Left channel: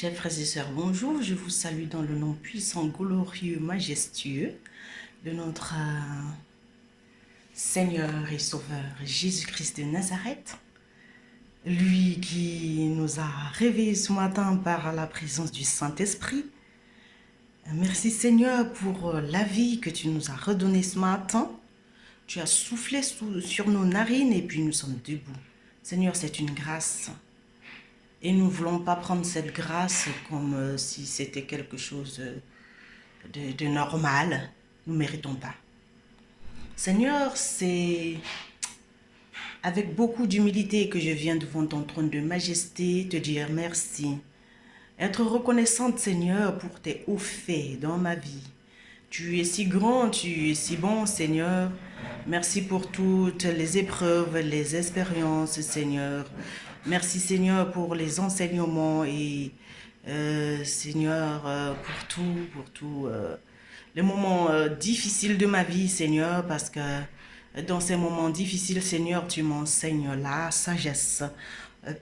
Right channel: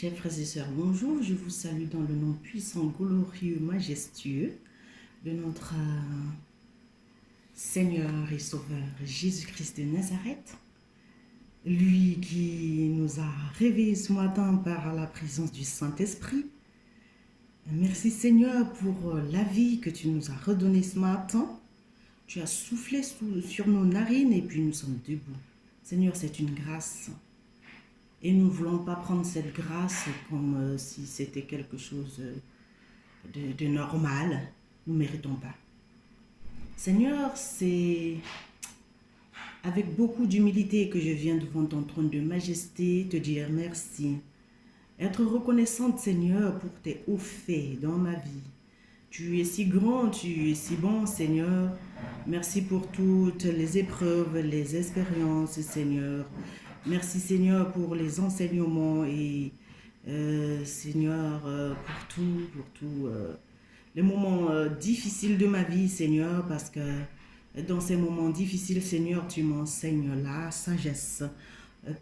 Chers frères et sœurs, bonjour. Je vous salue dans le nom puissant, glorieux, majestueux de notre Seigneur et Sauveur Jésus-Christ de Nazareth. Lui qui nous a réveillés ce matin par la présence du Saint-Esprit. Merci Seigneur pour la vie que tu nous as redonnée ce matin. Tu as soufflé sur nos narines et puis nous sommes debout. Seigneur, c'est une grâce. Et nous ne voulons pas prendre cette grâce comme si c'était quelque chose de normal. Nous ne méritons pas. Seigneur, c'est avec beaucoup d'humilité que je viens devant ton trône de majesté te dire merci. Être reconnaissante, Seigneur, pour tes hauts faits dans ma vie. Tu es si grand, tu es si bon, Seigneur. Merci pour toutes les épreuves, les expériences, Seigneur. Merci, Seigneur, pour les enseignements et, Seigneur, pour tout. Les moments difficiles de ma vie, Seigneur, parce que dans ces moments difficiles, Seigneur, tu m'enseignes la sagesse.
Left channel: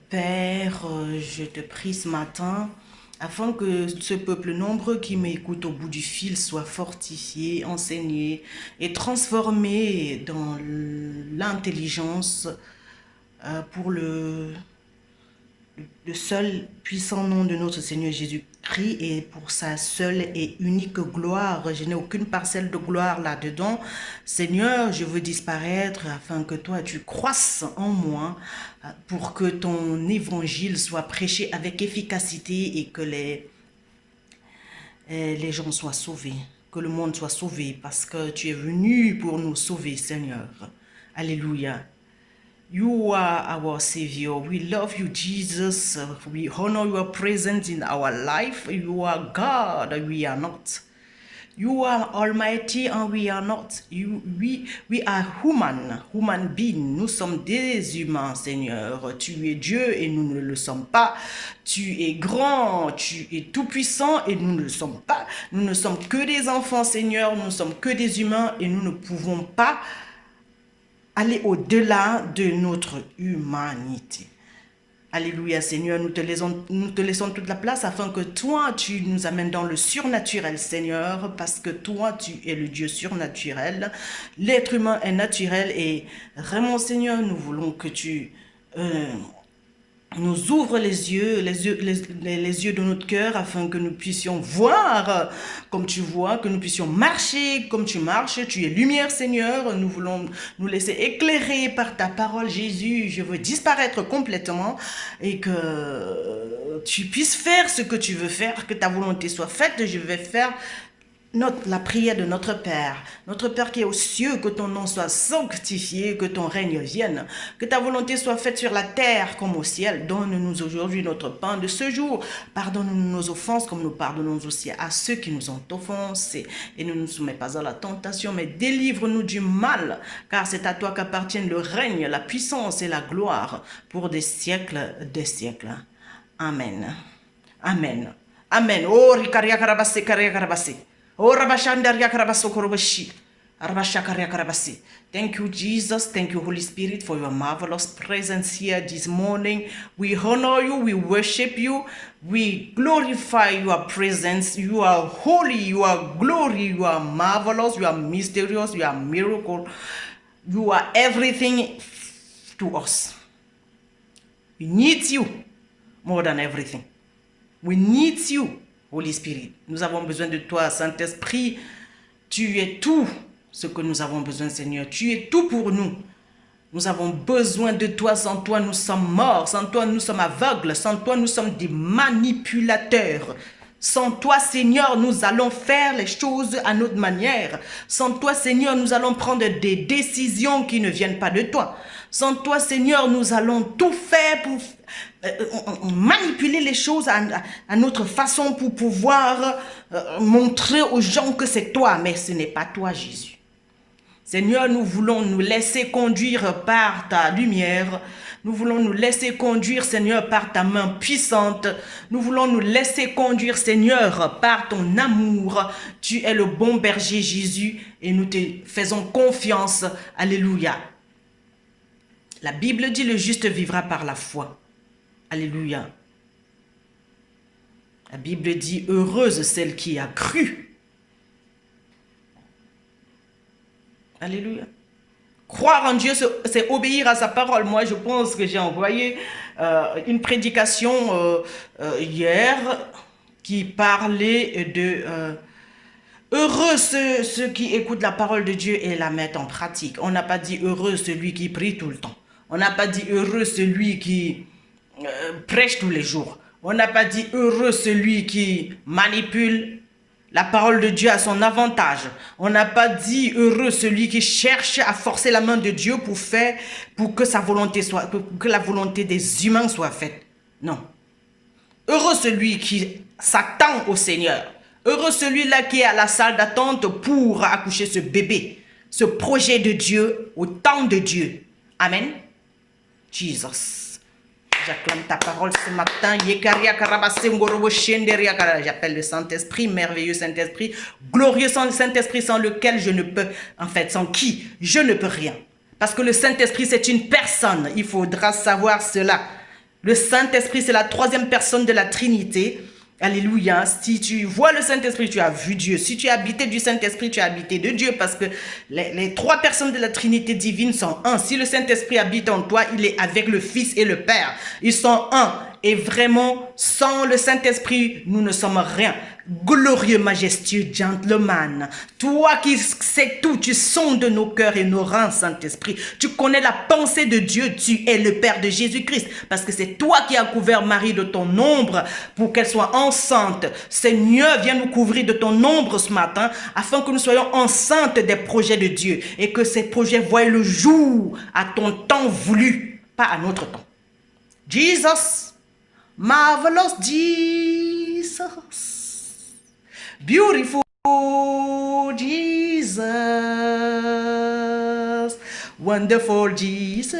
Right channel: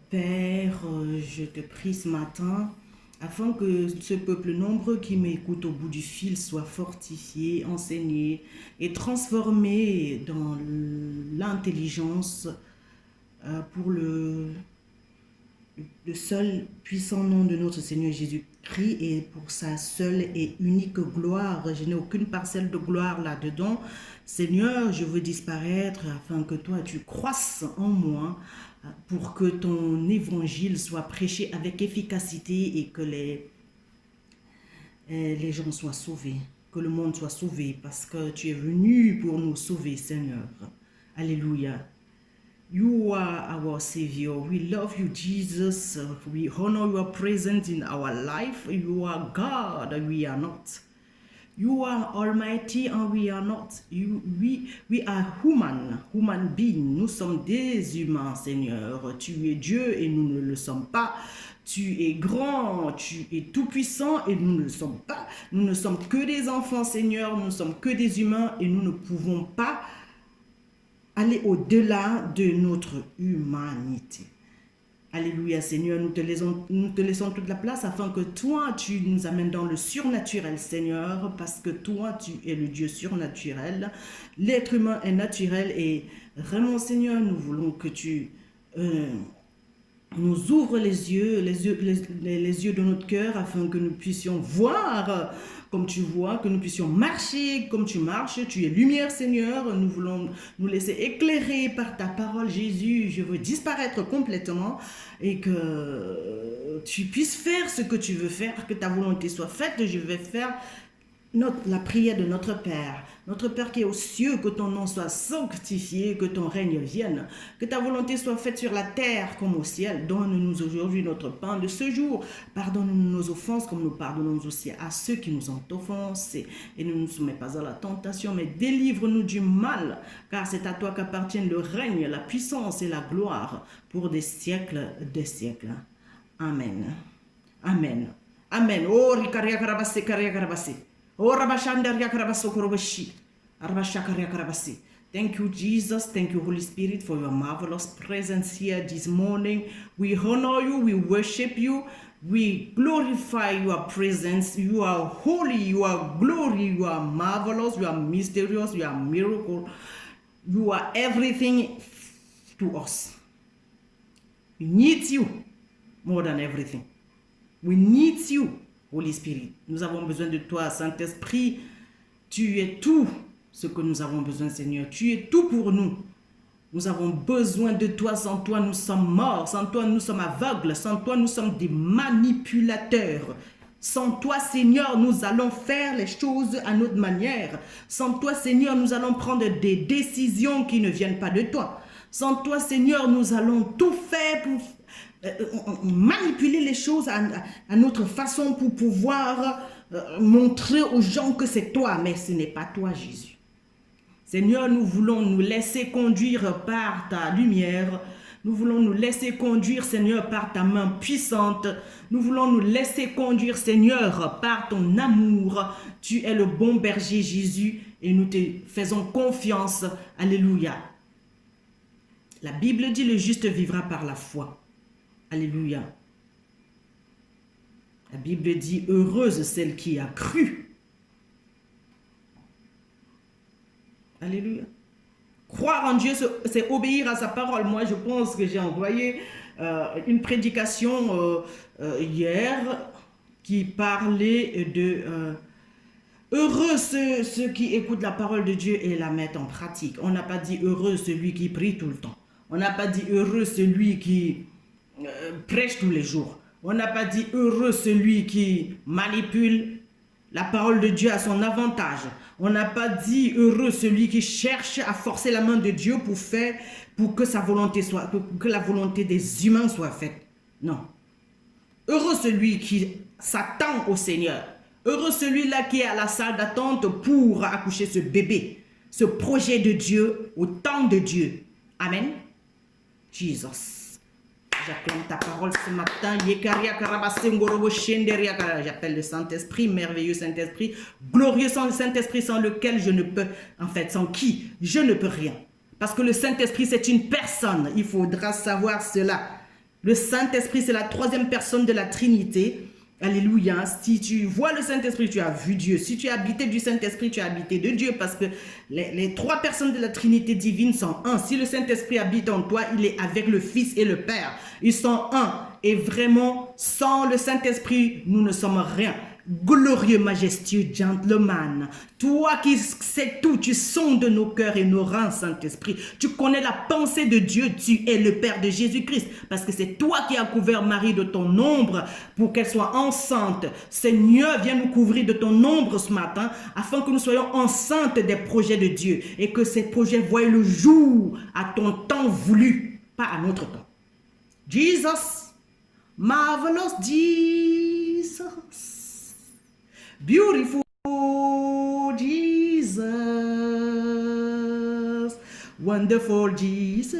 Père, je te prie ce matin, afin que ce peuple nombreux qui m'écoute au bout du fil soit fortifié, enseigné et transformé dans l'intelligence pour le seul puissant nom de notre Seigneur Jésus-Christ et pour sa seule et unique gloire. Je n'ai aucune parcelle de gloire là-dedans. Seigneur, je veux disparaître afin que toi tu croisses en moi pour que ton évangile soit prêché avec efficacité et que les gens soient sauvés, que le monde soit sauvé parce que tu es venu pour nous sauver, Seigneur. Alléluia. You are our Savior. We love you, Jesus. We honor your presence in our life. You are God, we are not. You are Almighty and we are not. We are human beings. Nous sommes des humains, Seigneur. Tu es Dieu et nous ne le sommes pas. Tu es grand, tu es tout-puissant et nous ne le sommes pas. Nous ne sommes que des enfants, Seigneur. Nous ne sommes que des humains et nous ne pouvons pas aller au-delà de notre humanité. Alléluia, Seigneur, nous te laissons toute la place afin que toi, tu nous amènes dans le surnaturel, Seigneur, parce que toi, tu es le Dieu surnaturel. L'être humain est naturel et vraiment, Seigneur, nous voulons que tu nous ouvres les yeux de notre cœur afin que nous puissions voir comme tu vois, que nous puissions marcher comme tu marches. Tu es lumière, Seigneur. Nous voulons nous laisser éclairer par ta parole, Jésus. Je veux disparaître complètement et que tu puisses faire ce que tu veux faire, que ta volonté soit faite. Je vais faire la prière de notre Père qui est aux cieux, que ton nom soit sanctifié, que ton règne vienne, que ta volonté soit faite sur la terre comme au ciel. Donne-nous aujourd'hui notre pain de ce jour. Pardonne-nous nos offenses comme nous pardonnons aussi à ceux qui nous ont offensés. Et ne nous soumets pas à la tentation, mais délivre-nous du mal, car c'est à toi qu'appartiennent le règne, la puissance et la gloire pour des siècles des siècles. Amen. Amen. Amen. Oh, rikaria karabase, karia karabase. Oh, Rabashandaria Karabasokorobashi. Rabashakaria Karabasi. Thank you, Jesus. Thank you, Holy Spirit, for your marvelous presence here this morning. We honor you. We worship you. We glorify your presence. You are holy. You are glory. You are marvelous. You are mysterious. You are miracle. You are everything to us. We need you more than everything. We need you. Holy Spirit, nous avons besoin de toi, Saint-Esprit. Tu es tout ce que nous avons besoin, Seigneur. Tu es tout pour nous. Nous avons besoin de toi. Sans toi, nous sommes morts. Sans toi, nous sommes aveugles. Sans toi, nous sommes des manipulateurs. Sans toi, Seigneur, nous allons faire les choses à notre manière. Sans toi, Seigneur, nous allons prendre des décisions qui ne viennent pas de toi. Sans toi, Seigneur, nous allons tout faire pour manipuler les choses à notre façon pour pouvoir montrer aux gens que c'est toi, mais ce n'est pas toi, Jésus. Seigneur, nous voulons nous laisser conduire par ta lumière. Nous voulons nous laisser conduire, Seigneur, par ta main puissante. Nous voulons nous laisser conduire, Seigneur, par ton amour. Tu es le bon berger, Jésus, et nous te faisons confiance. Alléluia. La Bible dit, le juste vivra par la foi. Alléluia. La Bible dit, heureuse celle qui a cru. Alléluia. Croire en Dieu, c'est obéir à sa parole. Moi, je pense que j'ai envoyé une prédication hier qui parlait de heureux ceux qui écoutent la parole de Dieu et la mettent en pratique. On n'a pas dit heureux celui qui prie tout le temps. On n'a pas dit heureux celui qui prêche tous les jours. On n'a pas dit heureux celui qui manipule la parole de Dieu à son avantage. On n'a pas dit heureux celui qui cherche à forcer la main de Dieu pour que sa volonté soit, que la volonté des humains soit faite. Non. Heureux celui qui s'attend au Seigneur. Heureux celui-là qui est à la salle d'attente pour accoucher ce bébé, ce projet de Dieu au temps de Dieu. Amen. Jesus. J'acclame ta parole ce matin. J'appelle le Saint-Esprit, merveilleux Saint-Esprit, glorieux Saint-Esprit sans lequel je ne peux, sans qui je ne peux rien. Parce que le Saint-Esprit, c'est une personne. Il faudra savoir cela. Le Saint-Esprit, c'est la troisième personne de la Trinité. Alléluia. Si tu vois le Saint-Esprit, tu as vu Dieu. Si tu es habité du Saint-Esprit, tu es habité de Dieu. Parce que les trois personnes de la Trinité divine sont un. Si le Saint-Esprit habite en toi, il est avec le Fils et le Père. Ils sont un. Et vraiment, sans le Saint-Esprit, nous ne sommes rien. Glorieux, majestueux, gentleman. Toi qui sais tout, tu sondes nos cœurs et nos reins, Saint-Esprit. Tu connais la pensée de Dieu. Tu es le Père de Jésus-Christ. Parce que c'est toi qui as couvert Marie de ton ombre pour qu'elle soit enceinte. Seigneur, viens nous couvrir de ton ombre ce matin afin que nous soyons enceintes des projets de Dieu et que ces projets voient le jour à ton temps voulu, pas à notre temps. Jesus, marvelous Jesus. Beautiful Jesus, wonderful Jesus,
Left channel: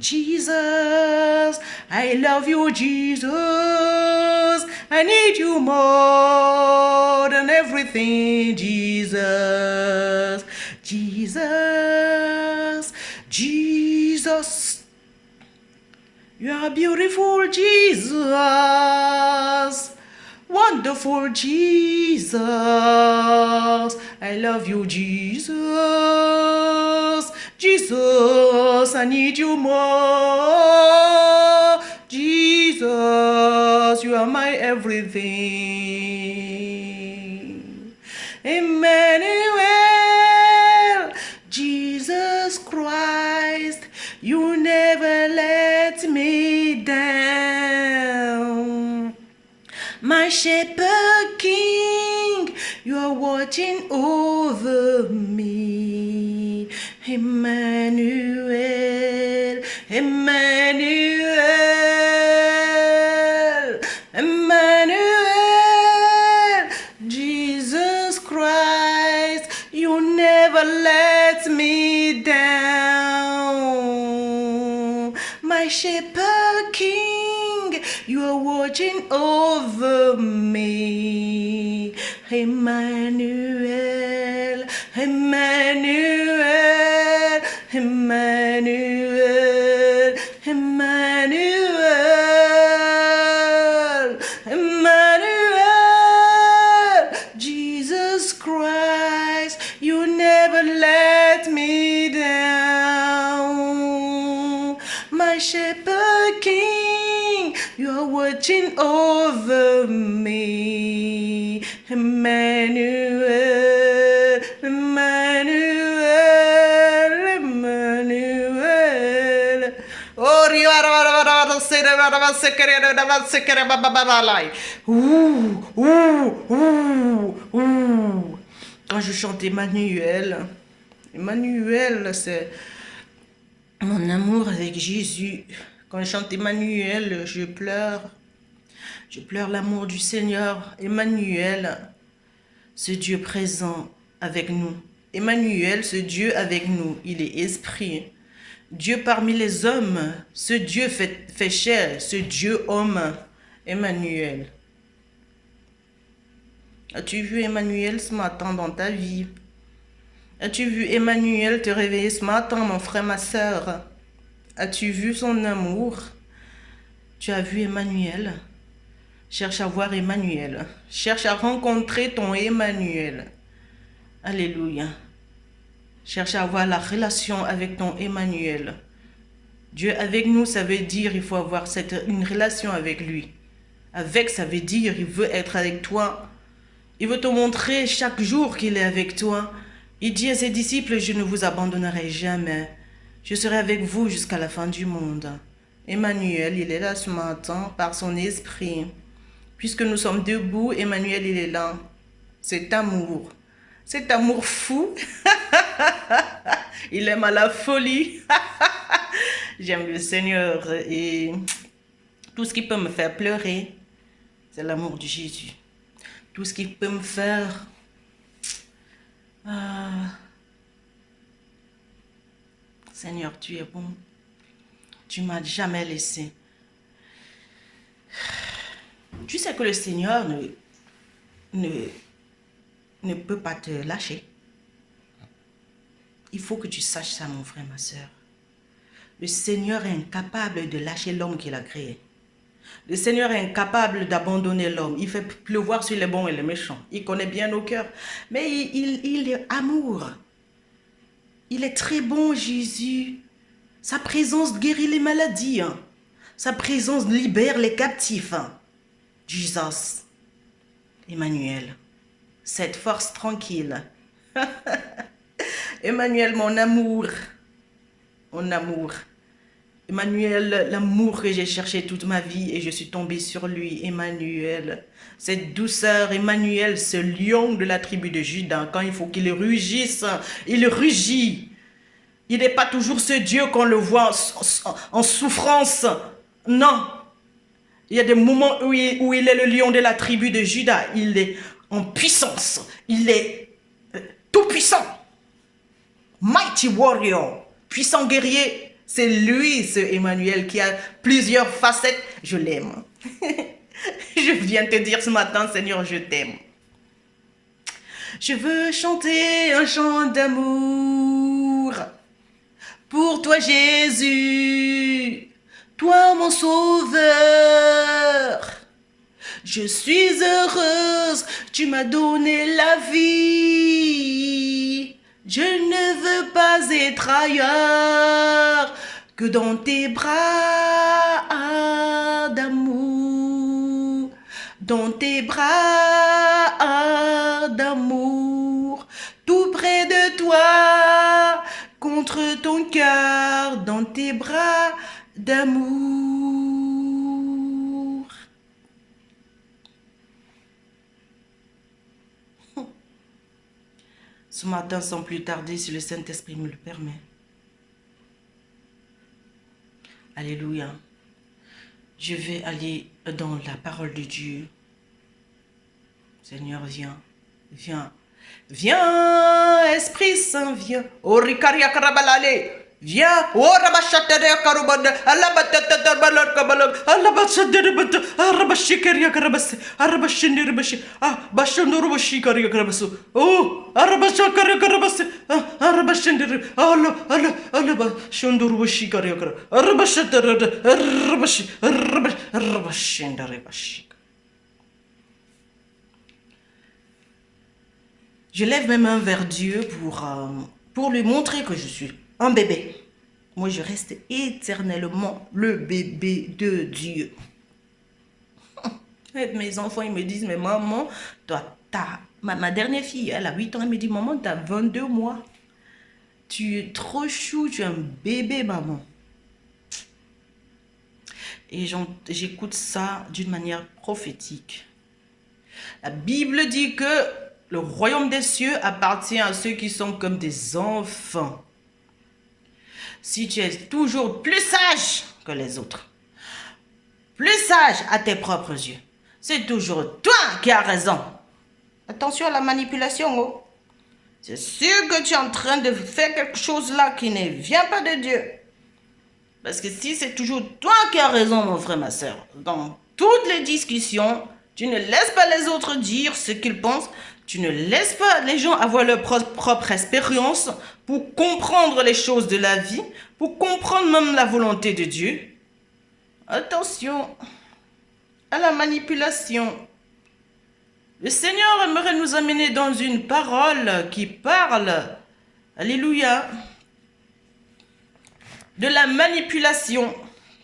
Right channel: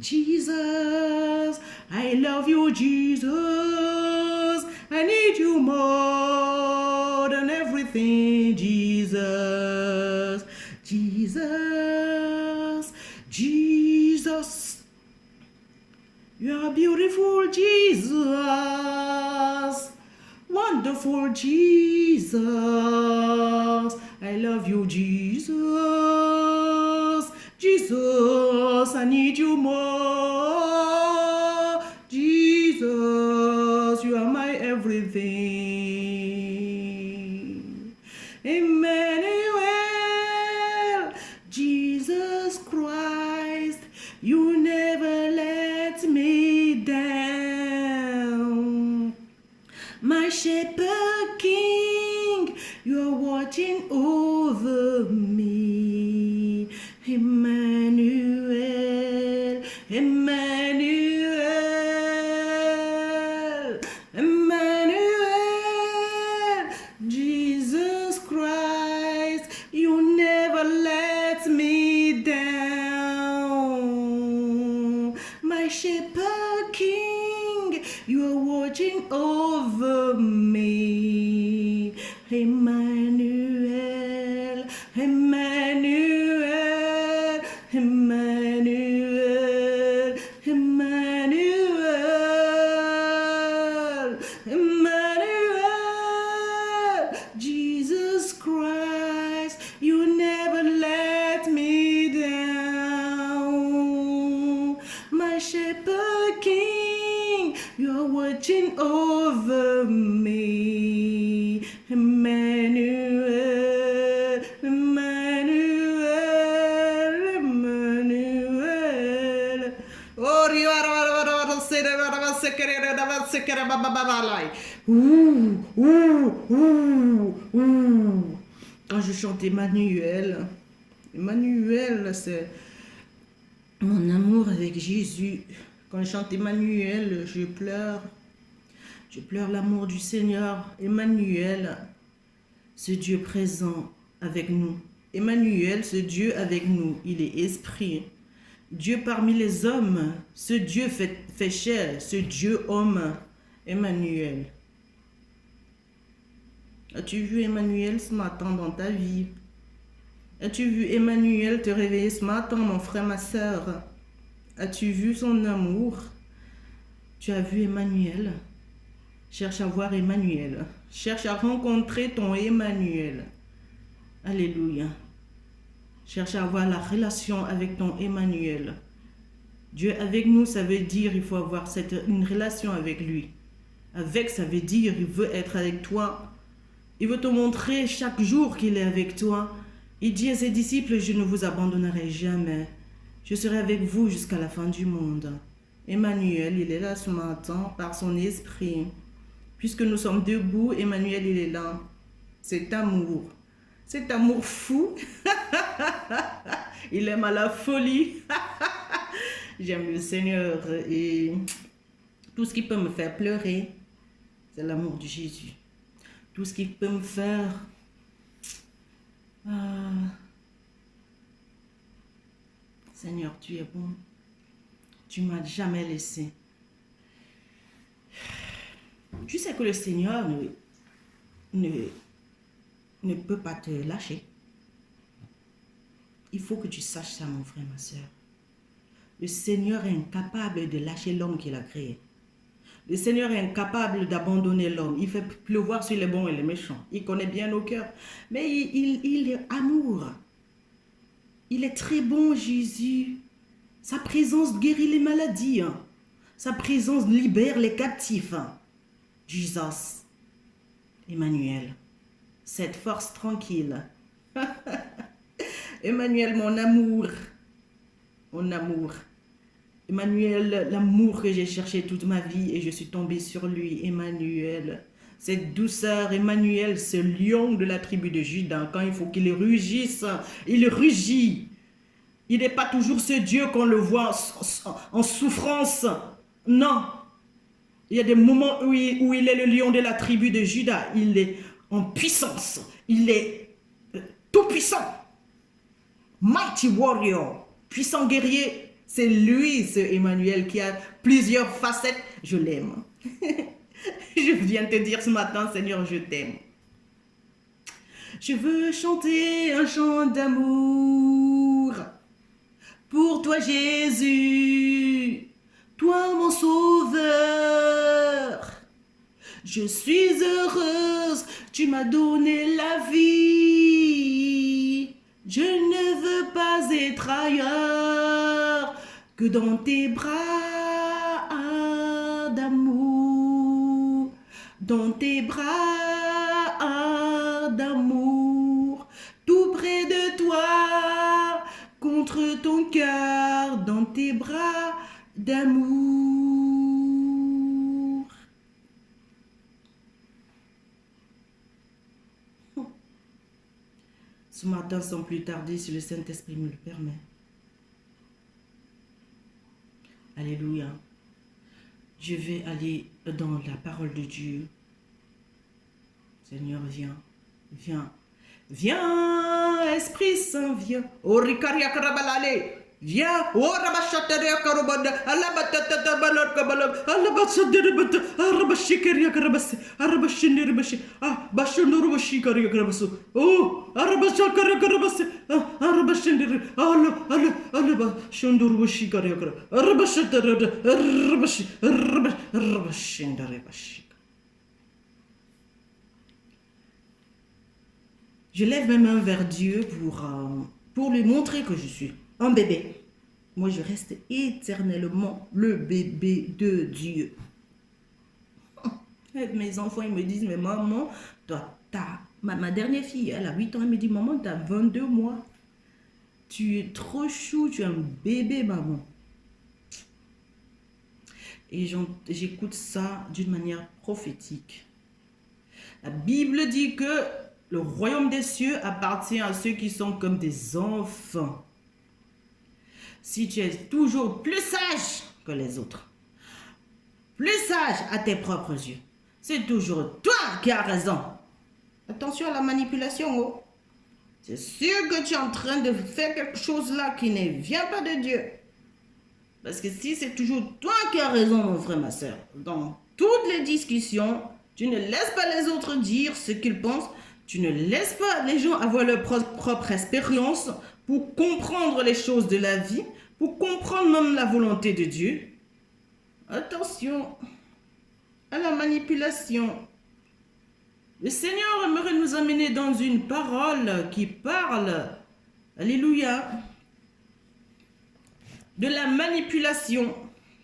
Jesus, I love you, Jesus, I need you more than everything, Jesus, Jesus, Jesus, you are beautiful, Jesus. Wonderful Jesus, I love you, Jesus. Jesus, I need you more. Jesus, you are my everything. Emmanuel, Jesus Christ, you never let me down. My shepherd king, you are watching over me. Emmanuel, Emmanuel, Emmanuel, Jesus Christ, you never let me down. My shepherd king, you are watching over me. Emmanuel, Emmanuel, Emmanuel, Emmanuel, Emmanuel, Jesus Christ, you never let me down. My shepherd king, you are watching over me. Emmanuel, Emmanuel, Emmanuel. Oh, quand je chante Emmanuel, Emmanuel, c'est mon amour avec Jésus. Quand je chante Emmanuel, je pleure. Je pleure l'amour du Seigneur. Emmanuel, ce Dieu présent avec nous. Emmanuel, ce Dieu avec nous, il est esprit. Dieu parmi les hommes, ce Dieu fait chair, ce Dieu homme, Emmanuel. As-tu vu Emmanuel ce matin dans ta vie? As-tu vu Emmanuel te réveiller ce matin, mon frère, ma sœur? As-tu vu son amour? Tu as vu Emmanuel? Cherche à voir Emmanuel. Cherche à rencontrer ton Emmanuel. Alléluia. Cherche à avoir la relation avec ton Emmanuel. Dieu avec nous, ça veut dire il faut avoir une relation avec lui. Avec, ça veut dire il veut être avec toi. Il veut te montrer chaque jour qu'il est avec toi. Il dit à ses disciples, je ne vous abandonnerai jamais. Je serai avec vous jusqu'à la fin du monde. Emmanuel, il est là ce matin par son esprit. Puisque nous sommes debout, Emmanuel, il est là. Cet amour fou. Il aime à la folie. J'aime le Seigneur et tout ce qui peut me faire pleurer, c'est l'amour de Jésus. Tout ce qui peut me faire... Seigneur, tu es bon. Tu m'as jamais laissé. Tu sais que le Seigneur ne peut pas te lâcher. Il faut que tu saches ça, mon frère, ma soeur. Le Seigneur est incapable de lâcher l'homme qu'il a créé. Le Seigneur est incapable d'abandonner l'homme. Il fait pleuvoir sur les bons et les méchants. Il connaît bien nos cœurs. Mais il est amour. Il est très bon, Jésus. Sa présence guérit les maladies. Sa présence libère les captifs. Jesus, Emmanuel, cette force tranquille. Emmanuel, mon amour. Mon amour. Emmanuel, l'amour que j'ai cherché toute ma vie et je suis tombée sur lui. Emmanuel, cette douceur. Emmanuel, ce lion de la tribu de Juda. Quand il faut qu'il rugisse, il rugit. Il n'est pas toujours ce Dieu qu'on le voit en souffrance. Non. Il y a des moments où il est le lion de la tribu de Juda. Il est en puissance. Il est tout puissant. Mighty warrior. Puissant guerrier. C'est lui, ce Emmanuel, qui a plusieurs facettes. Je l'aime. Je viens te dire ce matin, Seigneur, je t'aime. Je veux chanter un chant d'amour pour toi, Jésus, toi, mon sauveur. Je suis heureuse, tu m'as donné la vie. Je ne veux pas être ailleurs que dans tes bras d'amour, dans tes bras d'amour, tout près de toi, contre ton cœur, dans tes bras d'amour. Ce matin, sans plus tarder, si le Saint-Esprit me le permet. Alléluia. Je vais aller dans la parole de Dieu. Seigneur, viens. Viens. Viens, Esprit Saint, viens. Orikaria karabalale. Viens. Orabashatere karubanda. Alabatata balak kabalak. Alabatsadere bata. Arabashikeria karabase. Arabashindere bashi. Ah, bashondoro bashikaria karabasu. Oh, arabashakaria karabase. Ah, arabashindere. Alabashondoro bashikaria kara. Arabashatere. Arabashindere bashi. Je lève mes mains vers Dieu pour lui montrer que je suis un bébé. Moi, je reste éternellement le bébé de Dieu. Et mes enfants, ils me disent, mais maman, toi, ma dernière fille, elle a 8 ans, elle me dit, maman, tu as 22 mois. Tu es trop chou, tu es un bébé, maman. Et j'écoute ça d'une manière prophétique. La Bible dit que le royaume des cieux appartient à ceux qui sont comme des enfants. Si tu es toujours plus sage que les autres, plus sage à tes propres yeux, c'est toujours toi qui as raison. Attention à la manipulation, oh. C'est sûr que tu es en train de faire quelque chose là qui ne vient pas de Dieu. Parce que si c'est toujours toi qui as raison, mon frère, ma soeur, dans toutes les discussions, tu ne laisses pas les autres dire ce qu'ils pensent. Tu ne laisses pas les gens avoir leur propre expérience pour comprendre les choses de la vie, pour comprendre même la volonté de Dieu. Attention, à la manipulation. Le Seigneur aimerait nous amener dans une parole qui parle, alléluia, de la manipulation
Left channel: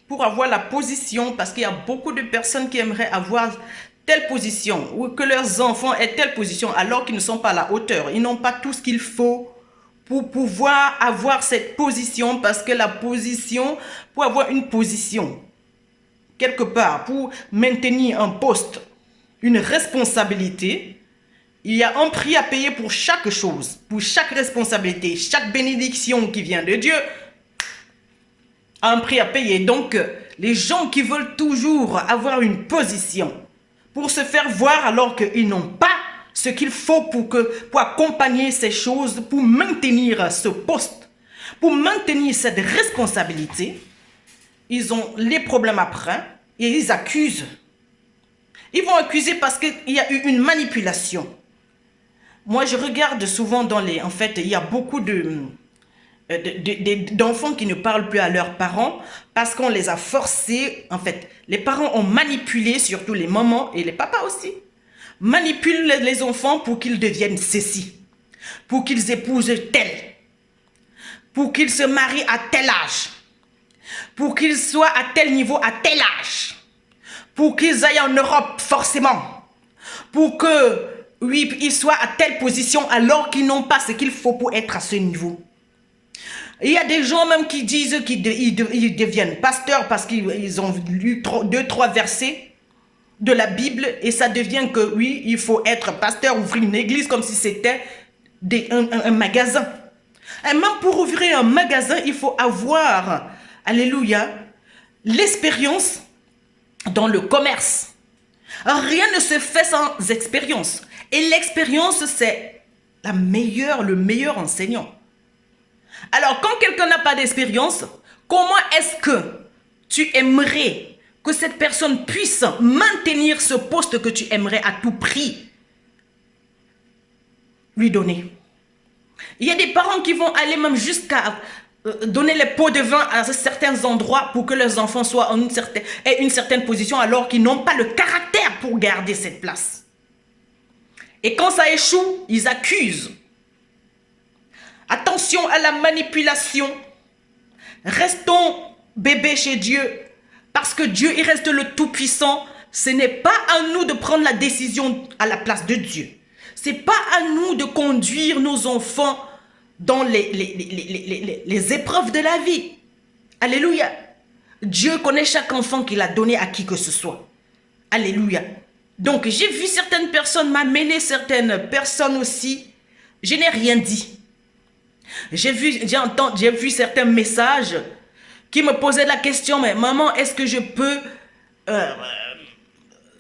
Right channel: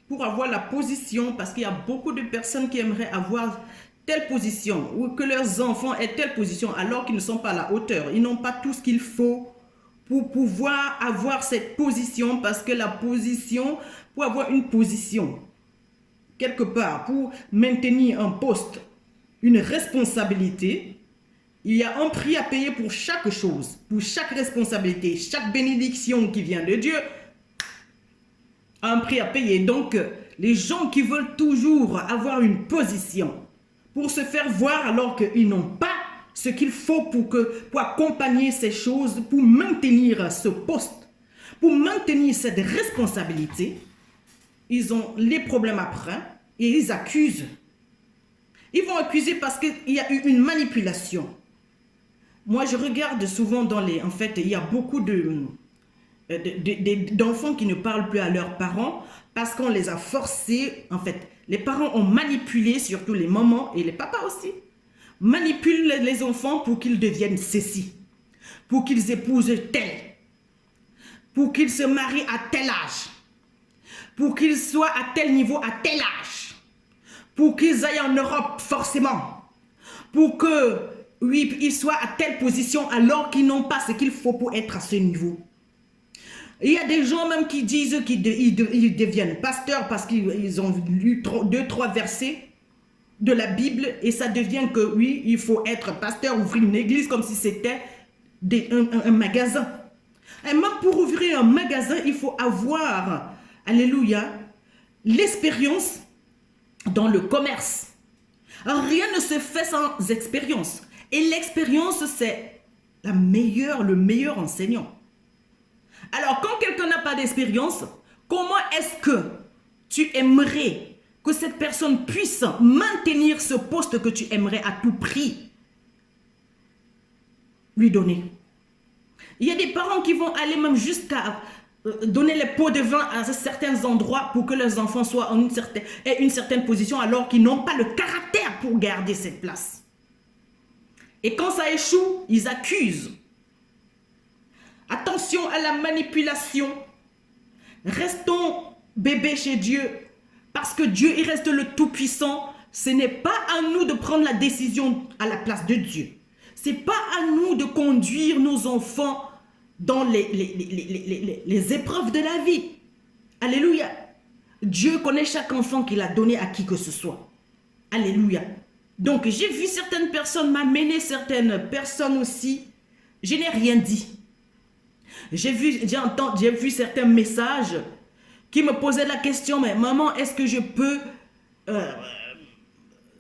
pour avoir la position, parce qu'il y a beaucoup de personnes qui aimeraient avoir telle position ou que leurs enfants aient telle position alors qu'ils ne sont pas à la hauteur. Ils n'ont pas tout ce qu'il faut pour pouvoir avoir cette position, parce que la position, pour avoir une position, quelque part, pour maintenir un poste, une responsabilité, il y a un prix à payer pour chaque chose, pour chaque responsabilité, chaque bénédiction qui vient de Dieu a un prix à payer. Donc, les gens qui veulent toujours avoir une position pour se faire voir alors qu'ils n'ont pas ce qu'il faut pour accompagner ces choses, pour maintenir ce poste, pour maintenir cette responsabilité, ils ont les problèmes après et ils accusent. Ils vont accuser parce qu'il y a eu une manipulation. Moi, je regarde souvent dans les... En fait, il y a beaucoup d'enfants qui ne parlent plus à leurs parents parce qu'on les a forcés. En fait, les parents ont manipulé, surtout les mamans et les papas aussi, manipulent les enfants pour qu'ils deviennent ceci, pour qu'ils épousent tel, pour qu'ils se marient à tel âge, pour qu'ils soient à tel niveau à tel âge, pour qu'ils aillent en Europe forcément, pour que, oui, ils soient à telle position alors qu'ils n'ont pas ce qu'il faut pour être à ce niveau. Il y a des gens même qui disent qu'ils deviennent pasteurs parce qu'ils ont lu 2-3 versets de la Bible et ça devient que, oui, il faut être pasteur, ouvrir une église comme si c'était un magasin. Et même pour ouvrir un magasin, il faut avoir, alléluia, l'expérience dans le commerce. Rien ne se fait sans expérience. Et l'expérience, c'est le meilleur enseignant. Alors, quand quelqu'un n'a pas d'expérience, comment est-ce que tu aimerais que cette personne puisse maintenir ce poste que tu aimerais à tout prix lui donner? Il y a des parents qui vont aller même jusqu'à donner les pots de vin à certains endroits pour que leurs enfants soient aient une certaine position alors qu'ils n'ont pas le caractère pour garder cette place. Et quand ça échoue, ils accusent. Attention à la manipulation. Restons bébés chez Dieu. Parce que Dieu, il reste le Tout-Puissant. Ce n'est pas à nous de prendre la décision à la place de Dieu. Ce n'est pas à nous de conduire nos enfants dans les épreuves de la vie. Alléluia. Dieu connaît chaque enfant qu'il a donné à qui que ce soit. Alléluia. Donc, j'ai vu certaines personnes m'amener, certaines personnes aussi. Je n'ai rien dit. J'ai vu certains messages qui me posaient la question, mais maman, est-ce que je peux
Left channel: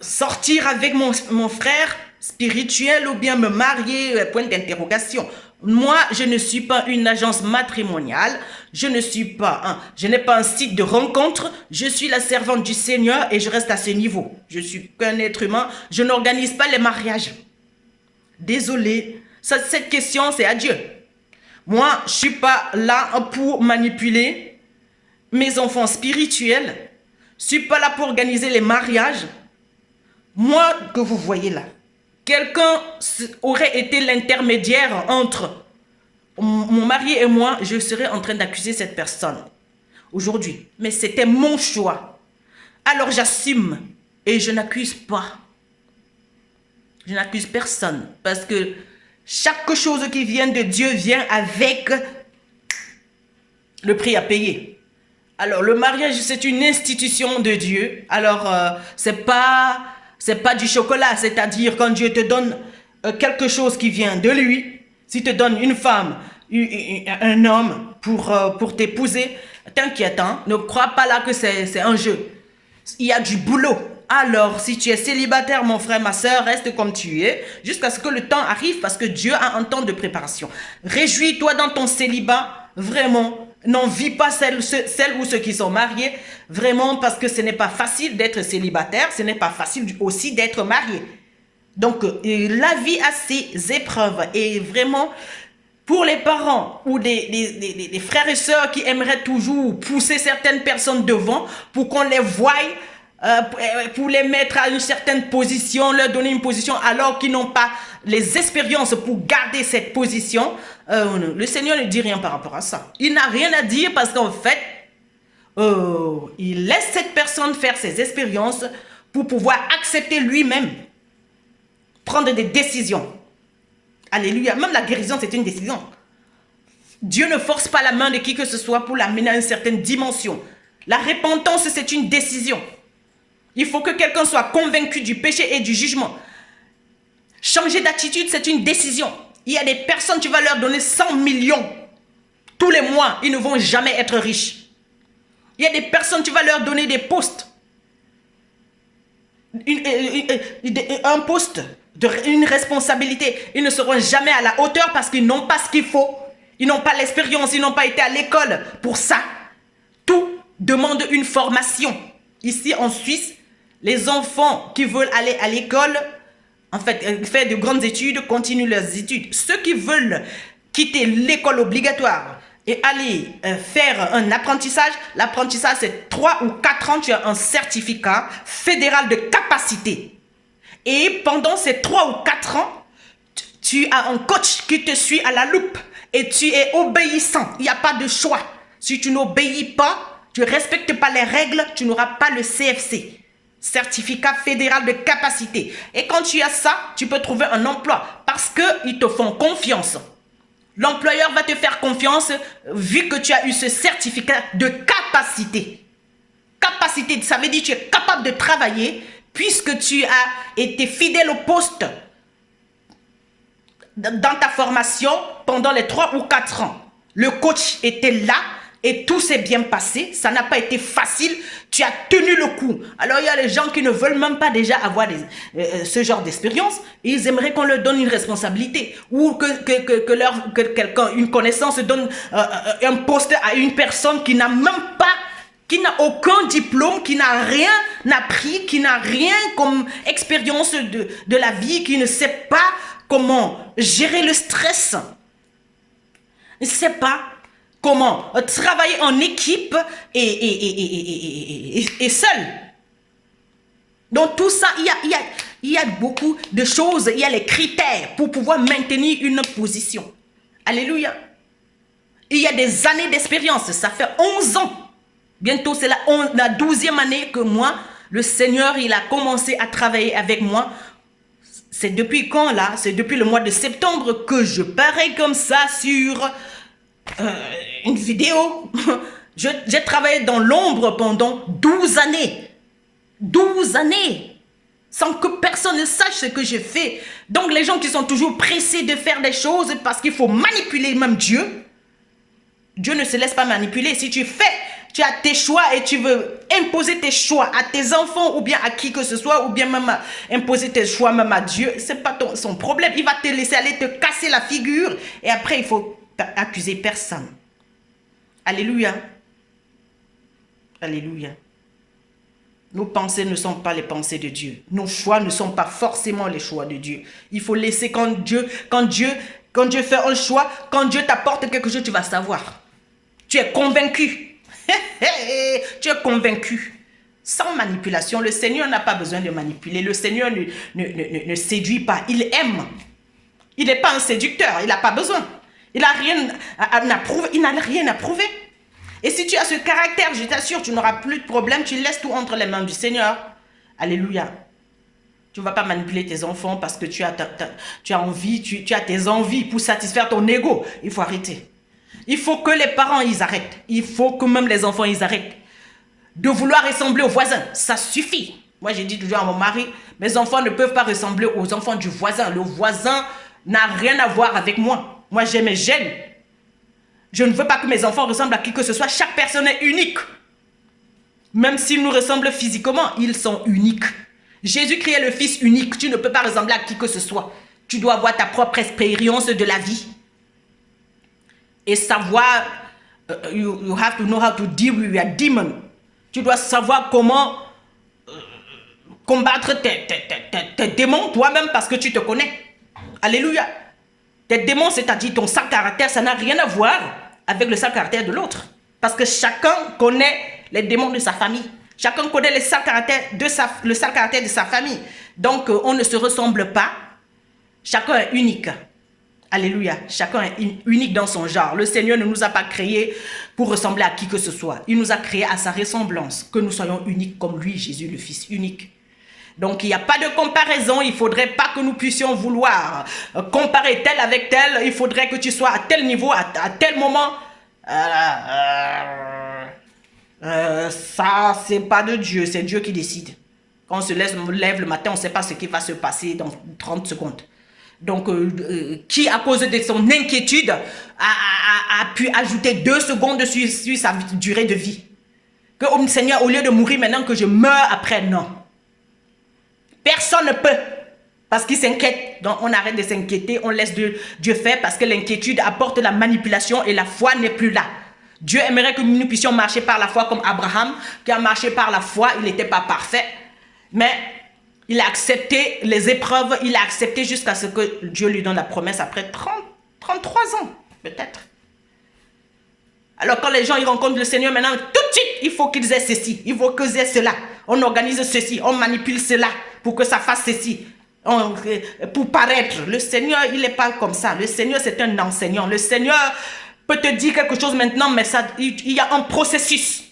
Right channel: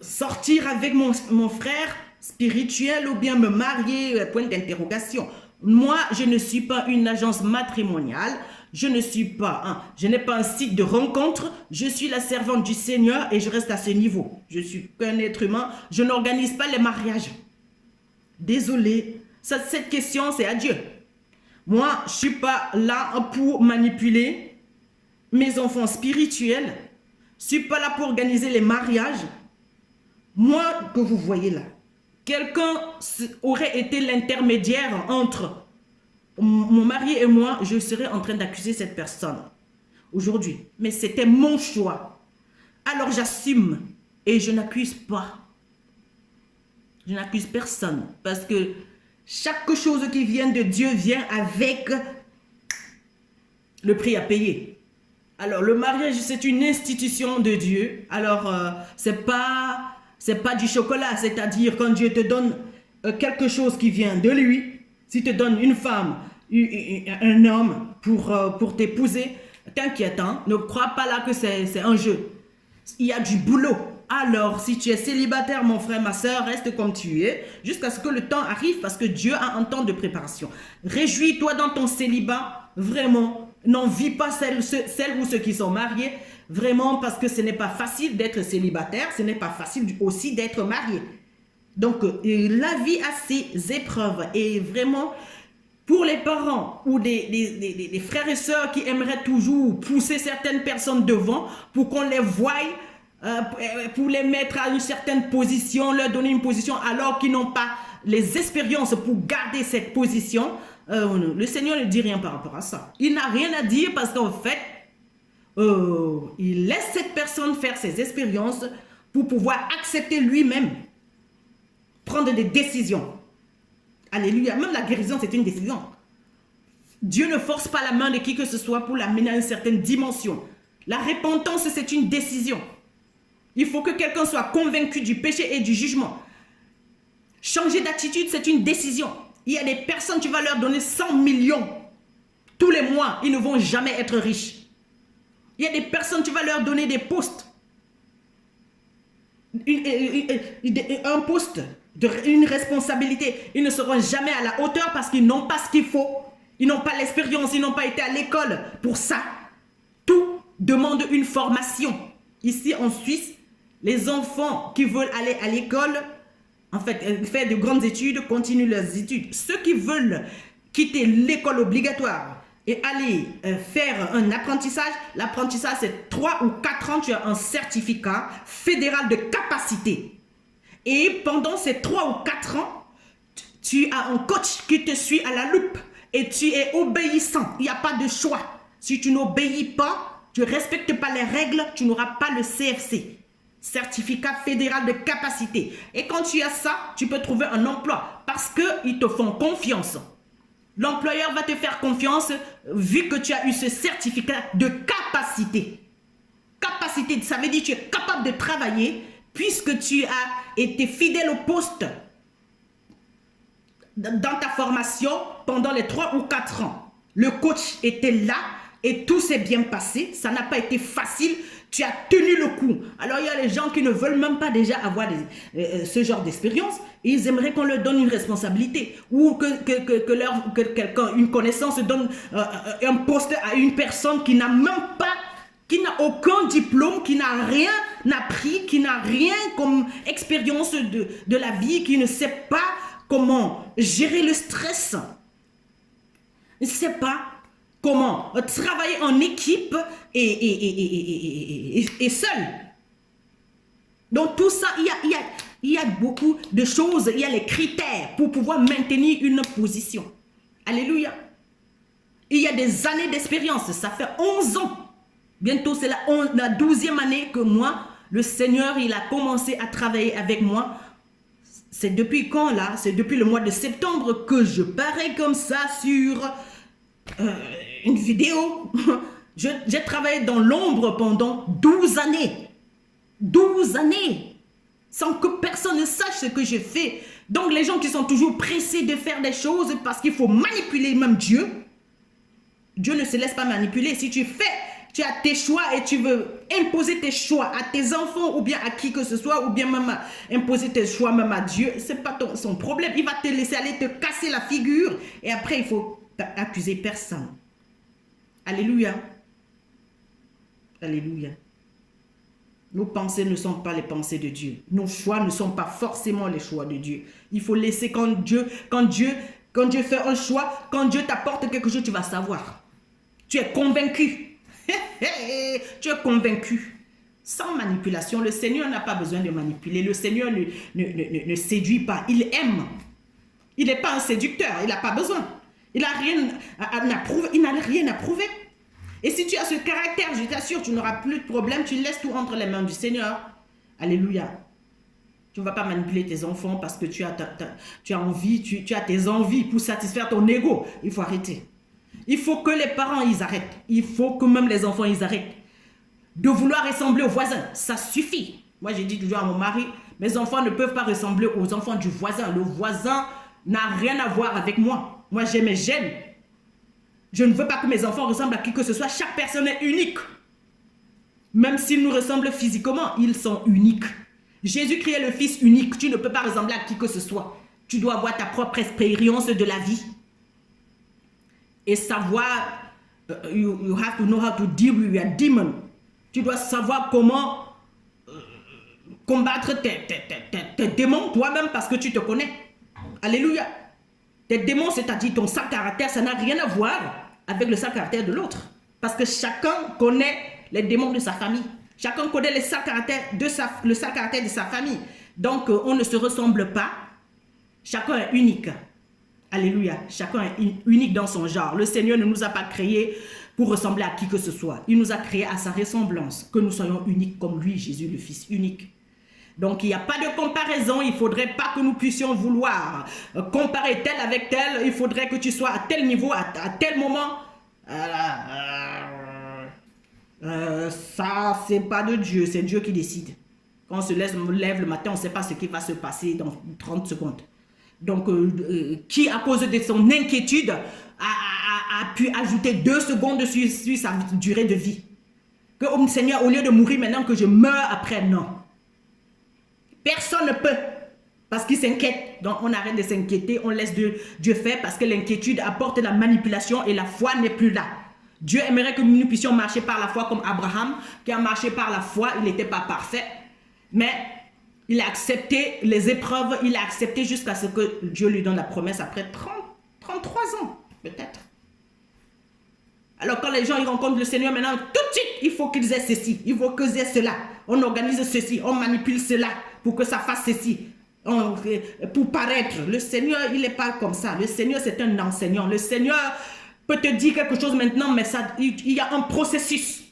sortir avec mon frère spirituel ou bien me marier, point d'interrogation. Moi, je ne suis pas une agence matrimoniale, je n'ai pas un site de rencontre, je suis la servante du Seigneur et je reste à ce niveau. Je suis qu'un être humain, je n'organise pas les mariages. Désolé, cette question, c'est à Dieu. Moi, je ne suis pas là pour manipuler mes enfants spirituels. Je ne suis pas là pour organiser les mariages. Moi, que vous voyez là, quelqu'un aurait été l'intermédiaire entre mon mari et moi, je serais en train d'accuser cette personne aujourd'hui. Mais c'était mon choix. Alors j'assume et je n'accuse pas. Je n'accuse personne parce que chaque chose qui vient de Dieu vient avec le prix à payer. Alors, le mariage, c'est une institution de Dieu. Alors, c'est pas du chocolat. C'est-à-dire, quand Dieu te donne quelque chose qui vient de lui, s'il te donne une femme, un homme pour t'épouser, t'inquiète, hein, ne crois pas là que c'est un jeu. Il y a du boulot. Alors, si tu es célibataire, mon frère, ma soeur, reste comme tu es, jusqu'à ce que le temps arrive, parce que Dieu a un temps de préparation. Réjouis-toi dans ton célibat, vraiment. N'envie pas celles ou ceux qui sont mariés, vraiment, parce que ce n'est pas facile d'être célibataire, ce n'est pas facile aussi d'être marié. Donc, la vie a ses épreuves, et vraiment, pour les parents ou des frères et sœurs qui aimeraient toujours pousser certaines personnes devant pour qu'on les voie pour les mettre à une certaine position, leur donner une position alors qu'ils n'ont pas les expériences pour garder cette position. Le Seigneur ne dit rien par rapport à ça. Il n'a rien à dire parce qu'en fait, il laisse cette personne faire ses expériences pour pouvoir accepter lui-même, prendre des décisions. Alléluia. Même la guérison, c'est une décision. Dieu ne force pas la main de qui que ce soit pour l'amener à une certaine dimension. La repentance, c'est une décision. Il faut que quelqu'un soit convaincu du péché et du jugement. Changer d'attitude, c'est une décision. Il y a des personnes, tu vas leur donner 100 millions. Tous les mois, ils ne vont jamais être riches. Il y a des personnes, tu vas leur donner des postes. Un poste, une responsabilité. Ils ne seront jamais à la hauteur parce qu'ils n'ont pas ce qu'il faut. Ils n'ont pas l'expérience, ils n'ont pas été à l'école pour ça. Tout demande une formation. Ici en Suisse, les enfants qui veulent aller à l'école, en fait, faire de grandes études, continuent leurs études. Ceux qui veulent quitter l'école obligatoire et aller faire un apprentissage, l'apprentissage c'est 3 ou 4 ans, tu as un certificat fédéral de capacité. Et pendant ces 3 ou 4 ans, tu as un coach qui te suit à la loupe et tu es obéissant. Il n'y a pas de choix. Si tu n'obéis pas, tu ne respectes pas les règles, tu n'auras pas le CFC. Certificat fédéral de capacité. Et quand tu as ça, tu peux trouver un emploi parce qu'ils te font confiance. L'employeur va te faire confiance vu que tu as eu ce certificat de capacité. Capacité, ça veut dire que tu es capable de travailler puisque tu as été fidèle au poste dans ta formation pendant les 3 ou 4 ans. Le coach était là et tout s'est bien passé. Ça n'a pas été facile. Tu as tenu le coup. Alors, il y a les gens qui ne veulent même pas déjà avoir ce genre d'expérience. Ils aimeraient qu'on leur donne une responsabilité ou que quelqu'un, une connaissance, donne un poste à une personne qui n'a même pas, qui n'a aucun diplôme, qui n'a rien appris, qui n'a rien comme expérience de la vie, qui ne sait pas comment gérer le stress. Il ne sait pas comment travailler en équipe et seul. Donc tout ça, il y a beaucoup de choses, il y a les critères pour pouvoir maintenir une position. Alléluia. Il y a des années d'expérience, ça fait 11 ans. Bientôt c'est la 12e année que moi, le Seigneur, il a commencé à travailler avec moi. C'est depuis quand là? C'est depuis le mois de septembre que je parais comme ça sur une vidéo. J'ai travaillé dans l'ombre pendant 12 années. 12 années. Sans que personne ne sache ce que je fais. Donc les gens qui sont toujours pressés de faire des choses parce qu'il faut manipuler même Dieu. Dieu ne se laisse pas manipuler. Si tu as tes choix et tu veux imposer tes choix à tes enfants ou bien à qui que ce soit ou bien même imposer tes choix même à Dieu, c'est pas son problème. Il va te laisser aller te casser la figure et après il faut accuser personne. Alléluia. Alléluia. Nos pensées ne sont pas les pensées de Dieu. Nos choix ne sont pas forcément les choix de Dieu. Il faut laisser quand Dieu fait un choix, quand Dieu t'apporte quelque chose, tu vas savoir. Tu es convaincu. Tu es convaincu. Sans manipulation, le Seigneur n'a pas besoin de manipuler. Le Seigneur ne séduit pas. Il aime. Il n'est pas un séducteur. Il n'a pas besoin. Il n'a rien à prouver. Il n'a rien à prouver. Et si tu as ce caractère, je t'assure, tu n'auras plus de problème. Tu laisses tout entre les mains du Seigneur. Alléluia. Tu ne vas pas manipuler tes enfants parce que tu as envie, tu as tes envies pour satisfaire ton ego. Il faut arrêter. Il faut que les parents, ils arrêtent. Il faut que même les enfants, ils arrêtent de vouloir ressembler aux voisins. Ça suffit. Moi, j'ai dit toujours à mon mari, mes enfants ne peuvent pas ressembler aux enfants du voisin. Le voisin n'a rien à voir avec moi. Moi, j'ai mes gènes. Je ne veux pas que mes enfants ressemblent à qui que ce soit. Chaque personne est unique. Même s'ils nous ressemblent physiquement, ils sont uniques. Jésus-Christ est le Fils unique. Tu ne peux pas ressembler à qui que ce soit. Tu dois avoir ta propre expérience de la vie. Et savoir, you have to know how to deal with your demon. Tu dois savoir comment combattre tes démons toi-même parce que tu te connais. Alléluia. Tes démons, c'est-à-dire ton sale caractère, ça n'a rien à voir avec le sale caractère de l'autre. Parce que chacun connaît les démons de sa famille. Chacun connaît le sale caractère de sa famille. Donc, on ne se ressemble pas. Chacun est unique. Alléluia. Chacun est unique dans son genre. Le Seigneur ne nous a pas créés pour ressembler à qui que ce soit. Il nous a créés à sa ressemblance. Que nous soyons uniques comme lui, Jésus, le Fils unique. Donc, il n'y a pas de comparaison. Il ne faudrait pas que nous puissions vouloir comparer tel avec tel. Il faudrait que tu sois à tel niveau, à tel moment. Ça, c'est pas de Dieu. C'est Dieu qui décide. Quand on se lève le matin, on ne sait pas ce qui va se passer dans 30 secondes. Donc, qui, à cause de son inquiétude, a pu ajouter 2 secondes sur sa durée de vie? Que, oh, Seigneur, au lieu de mourir maintenant, que je meure après, non. Personne ne peut, parce qu'il s'inquiète. Donc, on arrête de s'inquiéter, on laisse Dieu faire, parce que l'inquiétude apporte la manipulation et la foi n'est plus là. Dieu aimerait que nous puissions marcher par la foi comme Abraham, qui a marché par la foi, il n'était pas parfait, mais il a accepté les épreuves, il a accepté jusqu'à ce que Dieu lui donne la promesse après 33 ans, peut-être. Alors quand les gens ils rencontrent le Seigneur maintenant, tout de suite, il faut qu'ils aient ceci, il faut qu'ils aient cela. On organise ceci, on manipule cela pour que ça fasse ceci, pour paraître. Le Seigneur, il n'est pas comme ça. Le Seigneur, c'est un enseignant. Le Seigneur peut te dire quelque chose maintenant, mais il y a un processus.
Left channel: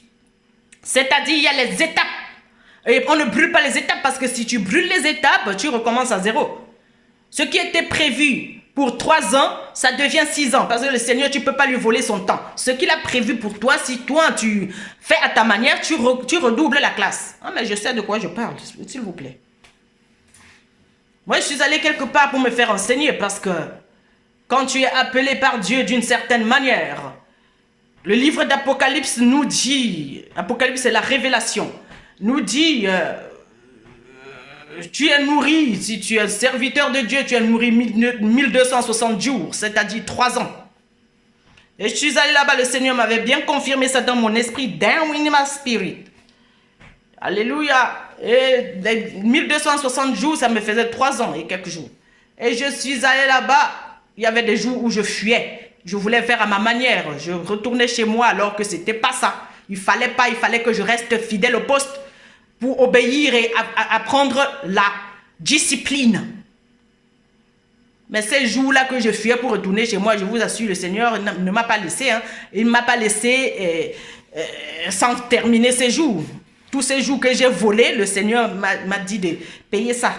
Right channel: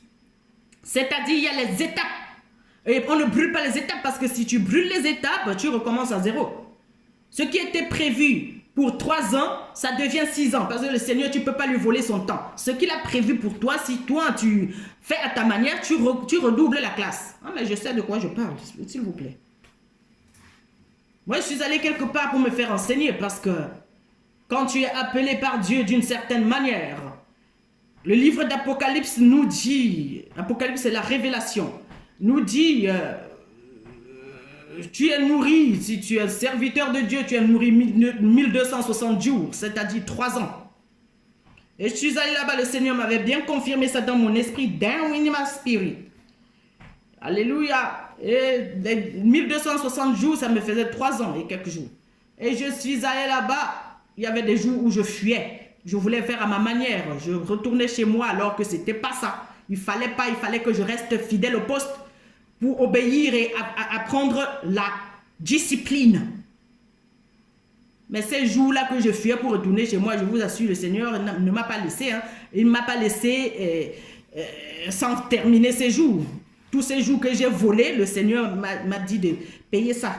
C'est-à-dire, il y a les étapes. Et on ne brûle pas les étapes parce que si tu brûles les étapes, tu recommences à zéro. Ce qui était prévu pour 3 ans, ça devient 6 ans. Parce que le Seigneur, tu ne peux pas lui voler son temps. Ce qu'il a prévu pour toi, si toi, tu fais à ta manière, tu redoubles la classe. Ah, mais je sais de quoi je parle, s'il vous plaît. Moi, je suis allé quelque part pour me faire enseigner parce que quand tu es appelé par Dieu d'une certaine manière, le livre d'Apocalypse nous dit, Apocalypse c'est la révélation, nous dit, tu es nourri, si tu es serviteur de Dieu, tu es nourri 1260 jours, c'est-à-dire 3 ans. Et je suis allé là-bas, le Seigneur m'avait bien confirmé ça dans mon esprit, down in my spirit. Alléluia. Et 1260 jours, ça me faisait 3 ans et quelques jours. Et je suis allé là-bas, il y avait des jours où je fuyais. Je voulais faire à ma manière. Je retournais chez moi alors que ce n'était pas ça. Il fallait que je reste fidèle au poste pour obéir et apprendre la discipline. Mais ces jours-là que je fuyais pour retourner chez moi, je vous assure, le Seigneur ne m'a pas laissé. Hein. Il ne m'a pas laissé sans terminer ces jours. Tous ces jours que j'ai volés, le Seigneur m'a dit de payer ça.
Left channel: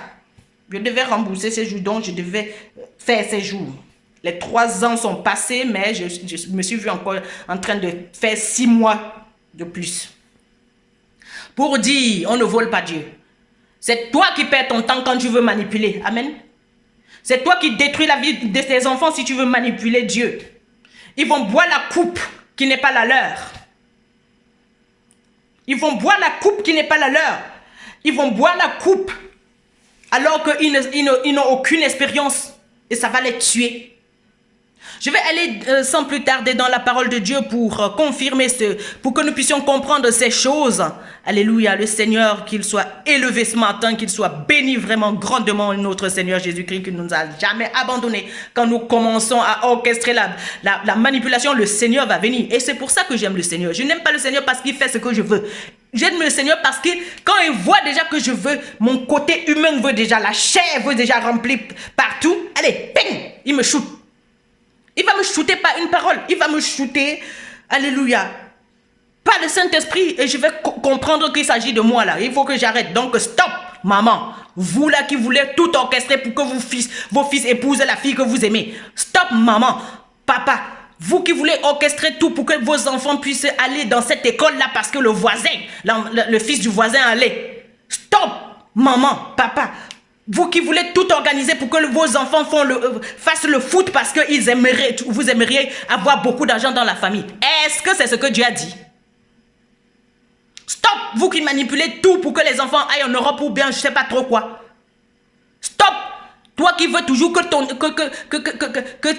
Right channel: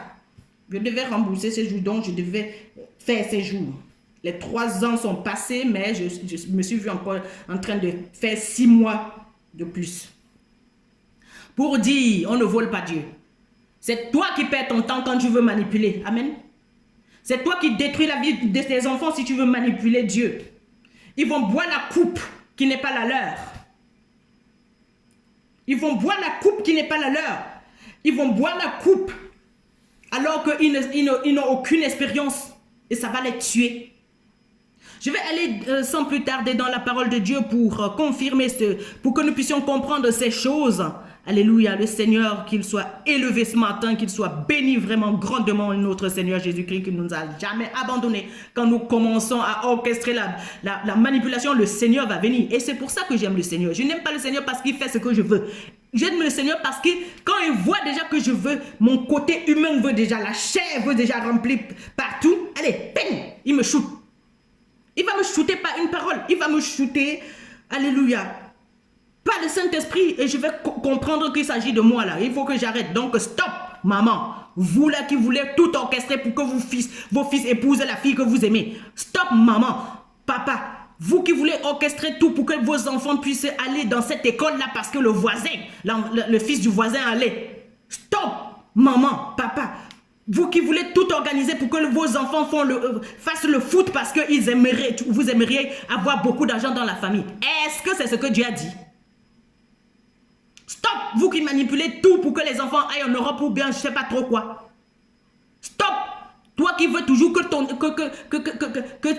Je devais rembourser ces jours, donc je devais faire ces jours. Les 3 ans sont passés, mais je me suis vu encore en train de faire 6 mois de plus. Pour dire, on ne vole pas Dieu. C'est toi qui perds ton temps quand tu veux manipuler. Amen. C'est toi qui détruis la vie de tes enfants si tu veux manipuler Dieu. Ils vont boire la coupe qui n'est pas la leur. Ils vont boire la coupe qui n'est pas la leur. Ils vont boire la coupe alors qu'ils n'ont aucune expérience et ça va les tuer. Je vais aller sans plus tarder dans la parole de Dieu pour confirmer pour que nous puissions comprendre ces choses. Alléluia, le Seigneur, qu'il soit élevé ce matin, qu'il soit béni vraiment grandement, notre Seigneur Jésus-Christ, qui ne nous a jamais abandonnés. Quand nous commençons à orchestrer la manipulation, le Seigneur va venir. Et c'est pour ça que j'aime le Seigneur. Je n'aime pas le Seigneur parce qu'il fait ce que je veux. J'aime le Seigneur parce que quand il voit déjà que je veux, mon côté humain veut déjà, la chair veut déjà remplir partout. Allez, ping, il me shoot. Il va me shooter par une parole. Il va me shooter, alléluia, par le Saint-Esprit. Et je vais comprendre qu'il s'agit de moi là. Il faut que j'arrête. Donc stop, maman. Vous là qui voulez tout orchestrer pour que vos fils épousent la fille que vous aimez. Stop, maman. Papa, vous qui voulez orchestrer tout pour que vos enfants puissent aller dans cette école-là parce que le voisin, le fils du voisin allait. Stop, maman, papa. Vous qui voulez tout organiser pour que vos enfants fassent le foot parce que vous aimeriez avoir beaucoup d'argent dans la famille. Est-ce que c'est ce que Dieu a dit? Stop, vous qui manipulez tout pour que les enfants aillent en Europe ou bien je ne sais pas trop quoi. Stop, toi qui veux toujours que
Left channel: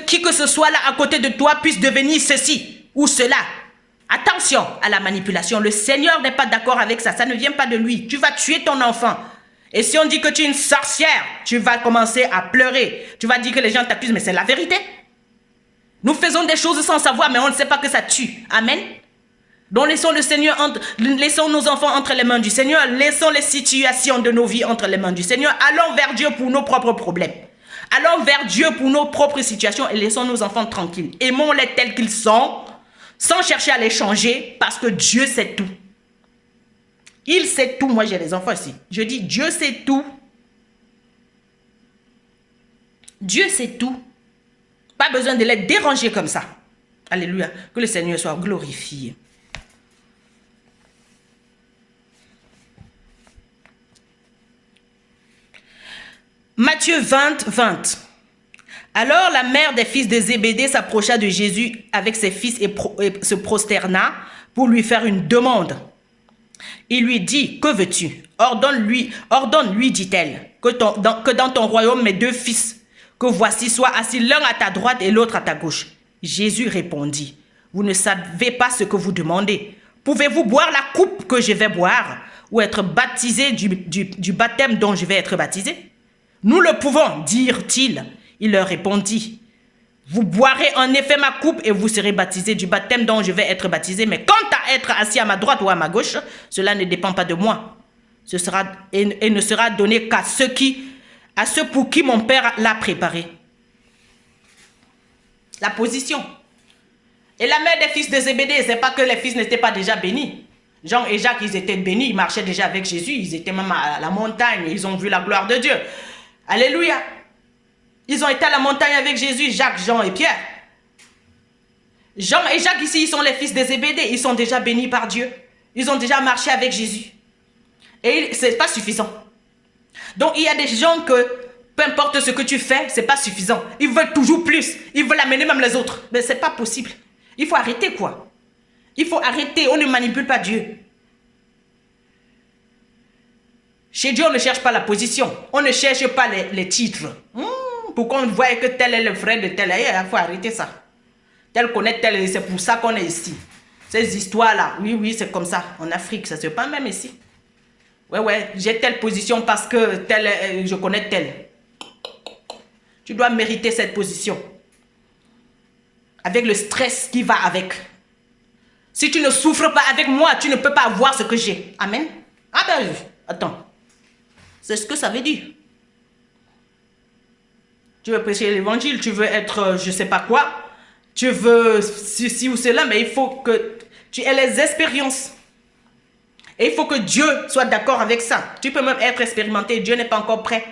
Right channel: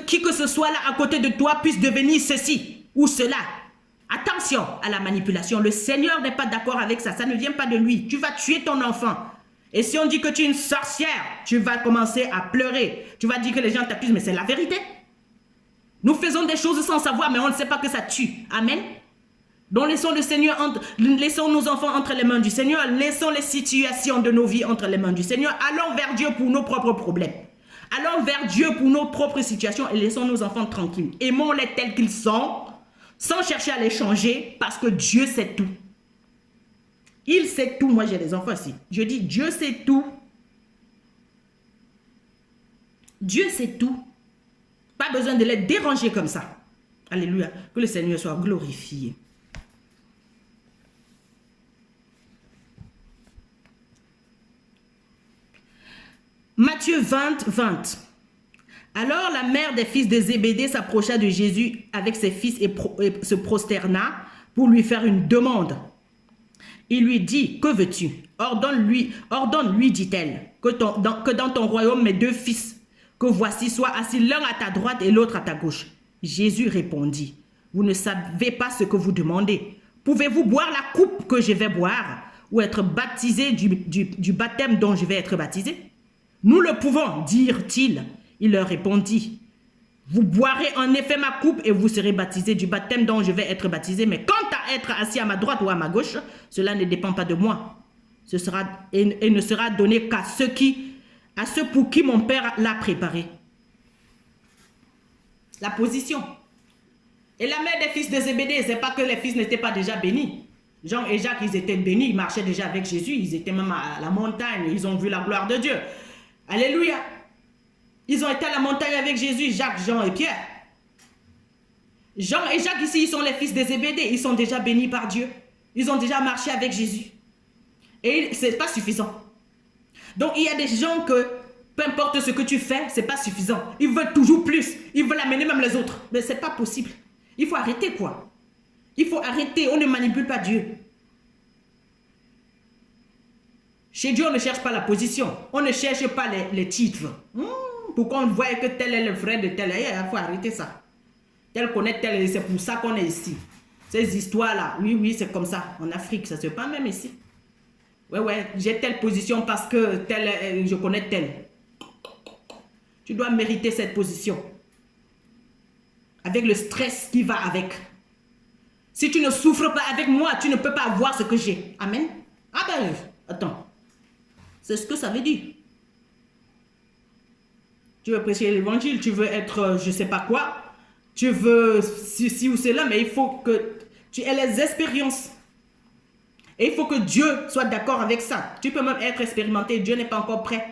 qui que ce soit là à côté de toi puisse devenir ceci ou cela. Attention à la manipulation. Le Seigneur n'est pas d'accord avec ça. Ça ne vient pas de lui. Tu vas tuer ton enfant. Et si on dit que tu es une sorcière, tu vas commencer à pleurer. Tu vas dire que les gens t'accusent, mais c'est la vérité. Nous faisons des choses sans savoir, mais on ne sait pas que ça tue. Amen. Donc laissons le Seigneur, laissons nos enfants entre les mains du Seigneur, laissons les situations de nos vies entre les mains du Seigneur, allons vers Dieu pour nos propres problèmes. Allons vers Dieu pour nos propres situations et laissons nos enfants tranquilles. Aimons-les tels qu'ils sont, sans chercher à les changer, parce que Dieu sait tout. Il sait tout. Moi, j'ai des enfants ici. Je dis, Dieu sait tout. Dieu sait tout. Pas besoin de les déranger comme ça. Alléluia. Que le Seigneur soit glorifié. Matthieu 20, 20. Alors la mère des fils de Zébédée s'approcha de Jésus avec ses fils et se prosterna pour lui faire une demande. Il lui dit, que veux-tu? Ordonne-lui, dit-elle, que dans ton royaume mes 2 fils, que voici, soient assis l'un à ta droite et l'autre à ta gauche. Jésus répondit, vous ne savez pas ce que vous demandez. Pouvez-vous boire la coupe que je vais boire ou être baptisé du baptême dont je vais être baptisé? Nous le pouvons, dirent-ils. Il leur répondit, vous boirez en effet ma coupe et vous serez baptisés du baptême dont je vais être baptisé. Mais quant à être assis à ma droite ou à ma gauche, cela ne dépend pas de moi. Ce sera et ne sera donné qu'à ceux pour qui mon Père l'a préparé. La position. Et la mère des fils de Zébédée, c'est pas que les fils n'étaient pas déjà bénis. Jean et Jacques, ils étaient bénis, ils marchaient déjà avec Jésus, ils étaient même à la montagne, ils ont vu la gloire de Dieu. Alléluia. Ils ont été à la montagne avec Jésus, Jacques, Jean et Pierre. Jean et Jacques ici, ils sont les fils de Zébédée. Ils sont déjà bénis par Dieu. Ils ont déjà marché avec Jésus. Et ce n'est pas suffisant. Donc il y a des gens que, peu importe ce que tu fais, ce n'est pas suffisant. Ils veulent toujours plus. Ils veulent amener même les autres. Mais ce n'est pas possible. Il faut arrêter quoi. Il faut arrêter. On ne manipule pas Dieu. Chez Dieu, on ne cherche pas la position. On ne cherche pas les titres. Pourquoi on voit que tel est le frère de tel? Il faut arrêter ça. Tel connaît tel, c'est pour ça qu'on est ici. Ces histoires-là, oui, c'est comme ça. En Afrique, ça ne se passe pas même ici. Ouais, j'ai telle position parce que tel, je connais tel. Tu dois mériter cette position. Avec le stress qui va avec. Si tu ne souffres pas avec moi, tu ne peux pas avoir ce que j'ai. Amen. Ah ben, attends. C'est ce que ça veut dire. Tu veux prêcher l'évangile, tu veux être je ne sais pas quoi, tu veux ceci ou cela, mais il faut que tu aies les expériences. Et il faut que Dieu soit d'accord avec ça. Tu peux même être expérimenté, Dieu n'est pas encore prêt.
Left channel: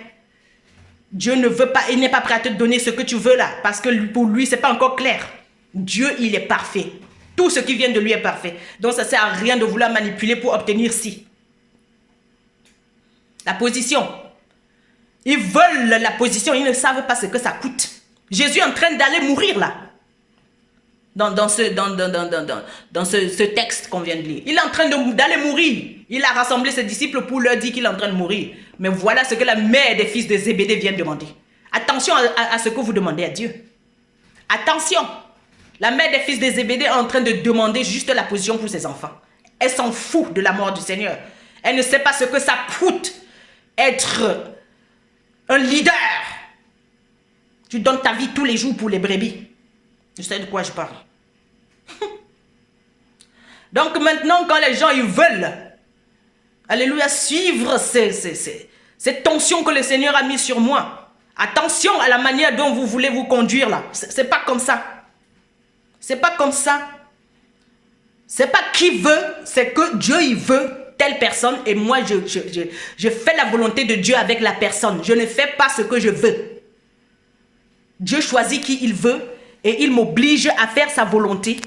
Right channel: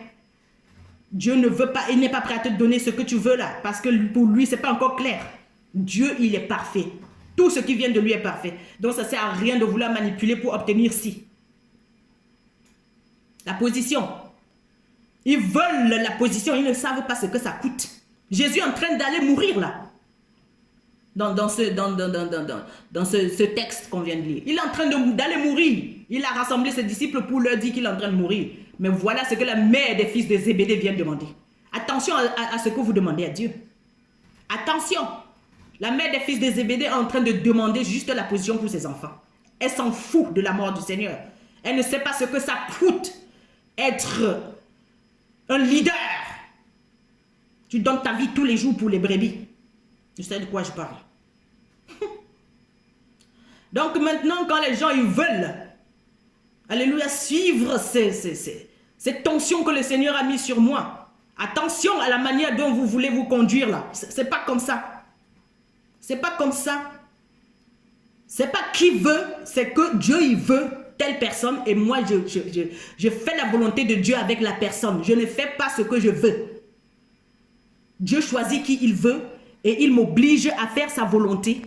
Dieu ne veut pas, il n'est pas prêt à te donner ce que tu veux là, parce que pour lui, ce n'est pas encore clair. Dieu, il est parfait. Tout ce qui vient de lui est parfait. Donc ça ne sert à rien de vouloir manipuler pour obtenir ci. La position. Ils veulent la position, ils ne savent pas ce que ça coûte. Jésus est en train d'aller mourir là. Dans ce texte qu'on vient de lire. Il est en train d'aller mourir. Il a rassemblé ses disciples pour leur dire qu'il est en train de mourir. Mais voilà ce que la mère des fils de Zébédée vient demander. Attention à ce que vous demandez à Dieu. Attention. La mère des fils de Zébédée est en train de demander juste la position pour ses enfants. Elle s'en fout de la mort du Seigneur. Elle ne sait pas ce que ça coûte être un leader. Tu donnes ta vie tous les jours pour les brebis. Je sais de quoi je parle. Donc maintenant, quand les gens ils veulent, alléluia, suivre ces tensions que le Seigneur a mis sur moi. Attention à la manière dont vous voulez vous conduire là. C'est pas comme ça. C'est pas comme ça. C'est pas qui veut, c'est que Dieu il veut telle personne et moi je fais la volonté de Dieu avec la personne. Je ne fais pas ce que je veux. Dieu choisit qui il veut et il m'oblige à faire sa volonté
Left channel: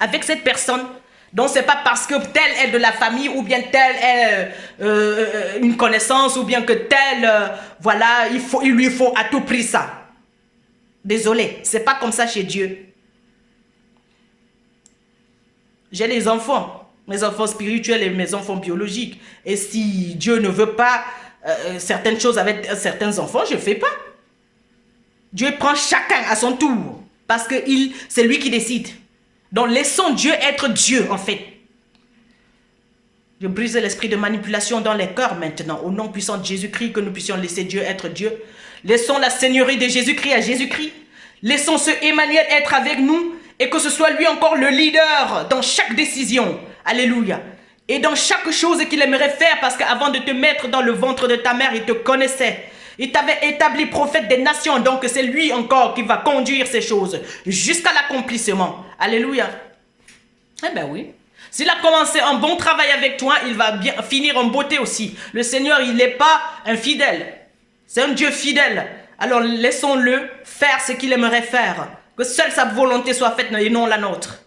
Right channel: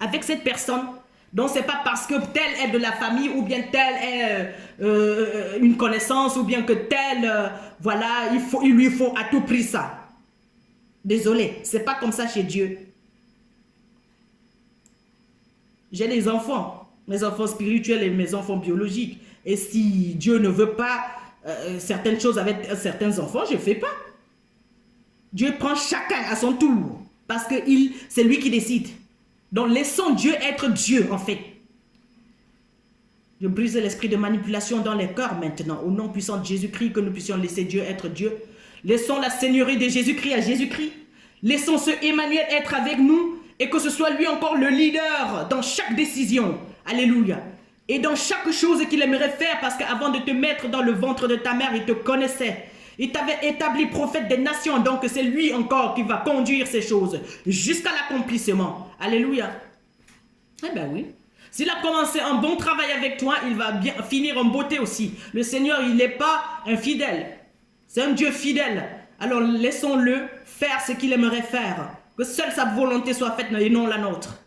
avec cette personne. Donc c'est pas parce que tel est de la famille ou bien tel est une connaissance ou bien que tel, voilà, il lui faut à tout prix ça. Désolé, c'est pas comme ça chez Dieu. J'ai les enfants, mes enfants spirituels et mes enfants biologiques. Et si Dieu ne veut pas certaines choses avec certains enfants, je ne fais pas. Dieu prend chacun à son tour. Parce que c'est lui qui décide. Donc laissons Dieu être Dieu en fait. Je brise l'esprit de manipulation dans les cœurs maintenant. Au nom puissant de Jésus-Christ, que nous puissions laisser Dieu être Dieu. Laissons la seigneurie de Jésus-Christ à Jésus-Christ. Laissons ce Emmanuel être avec nous. et que ce soit lui encore le leader dans chaque décision. Alléluia. Et dans chaque chose qu'il aimerait faire, parce qu'avant de te mettre dans le ventre de ta mère, il te connaissait. Il t'avait établi prophète des nations, donc c'est lui encore qui va conduire ces choses jusqu'à l'accomplissement. Alléluia. Eh bien oui. S'il a commencé un bon travail avec toi, il va bien finir en beauté aussi. Le Seigneur, il n'est pas infidèle. C'est un Dieu fidèle. Alors laissons-le faire ce qu'il aimerait faire. Que seule sa volonté soit faite et non la nôtre.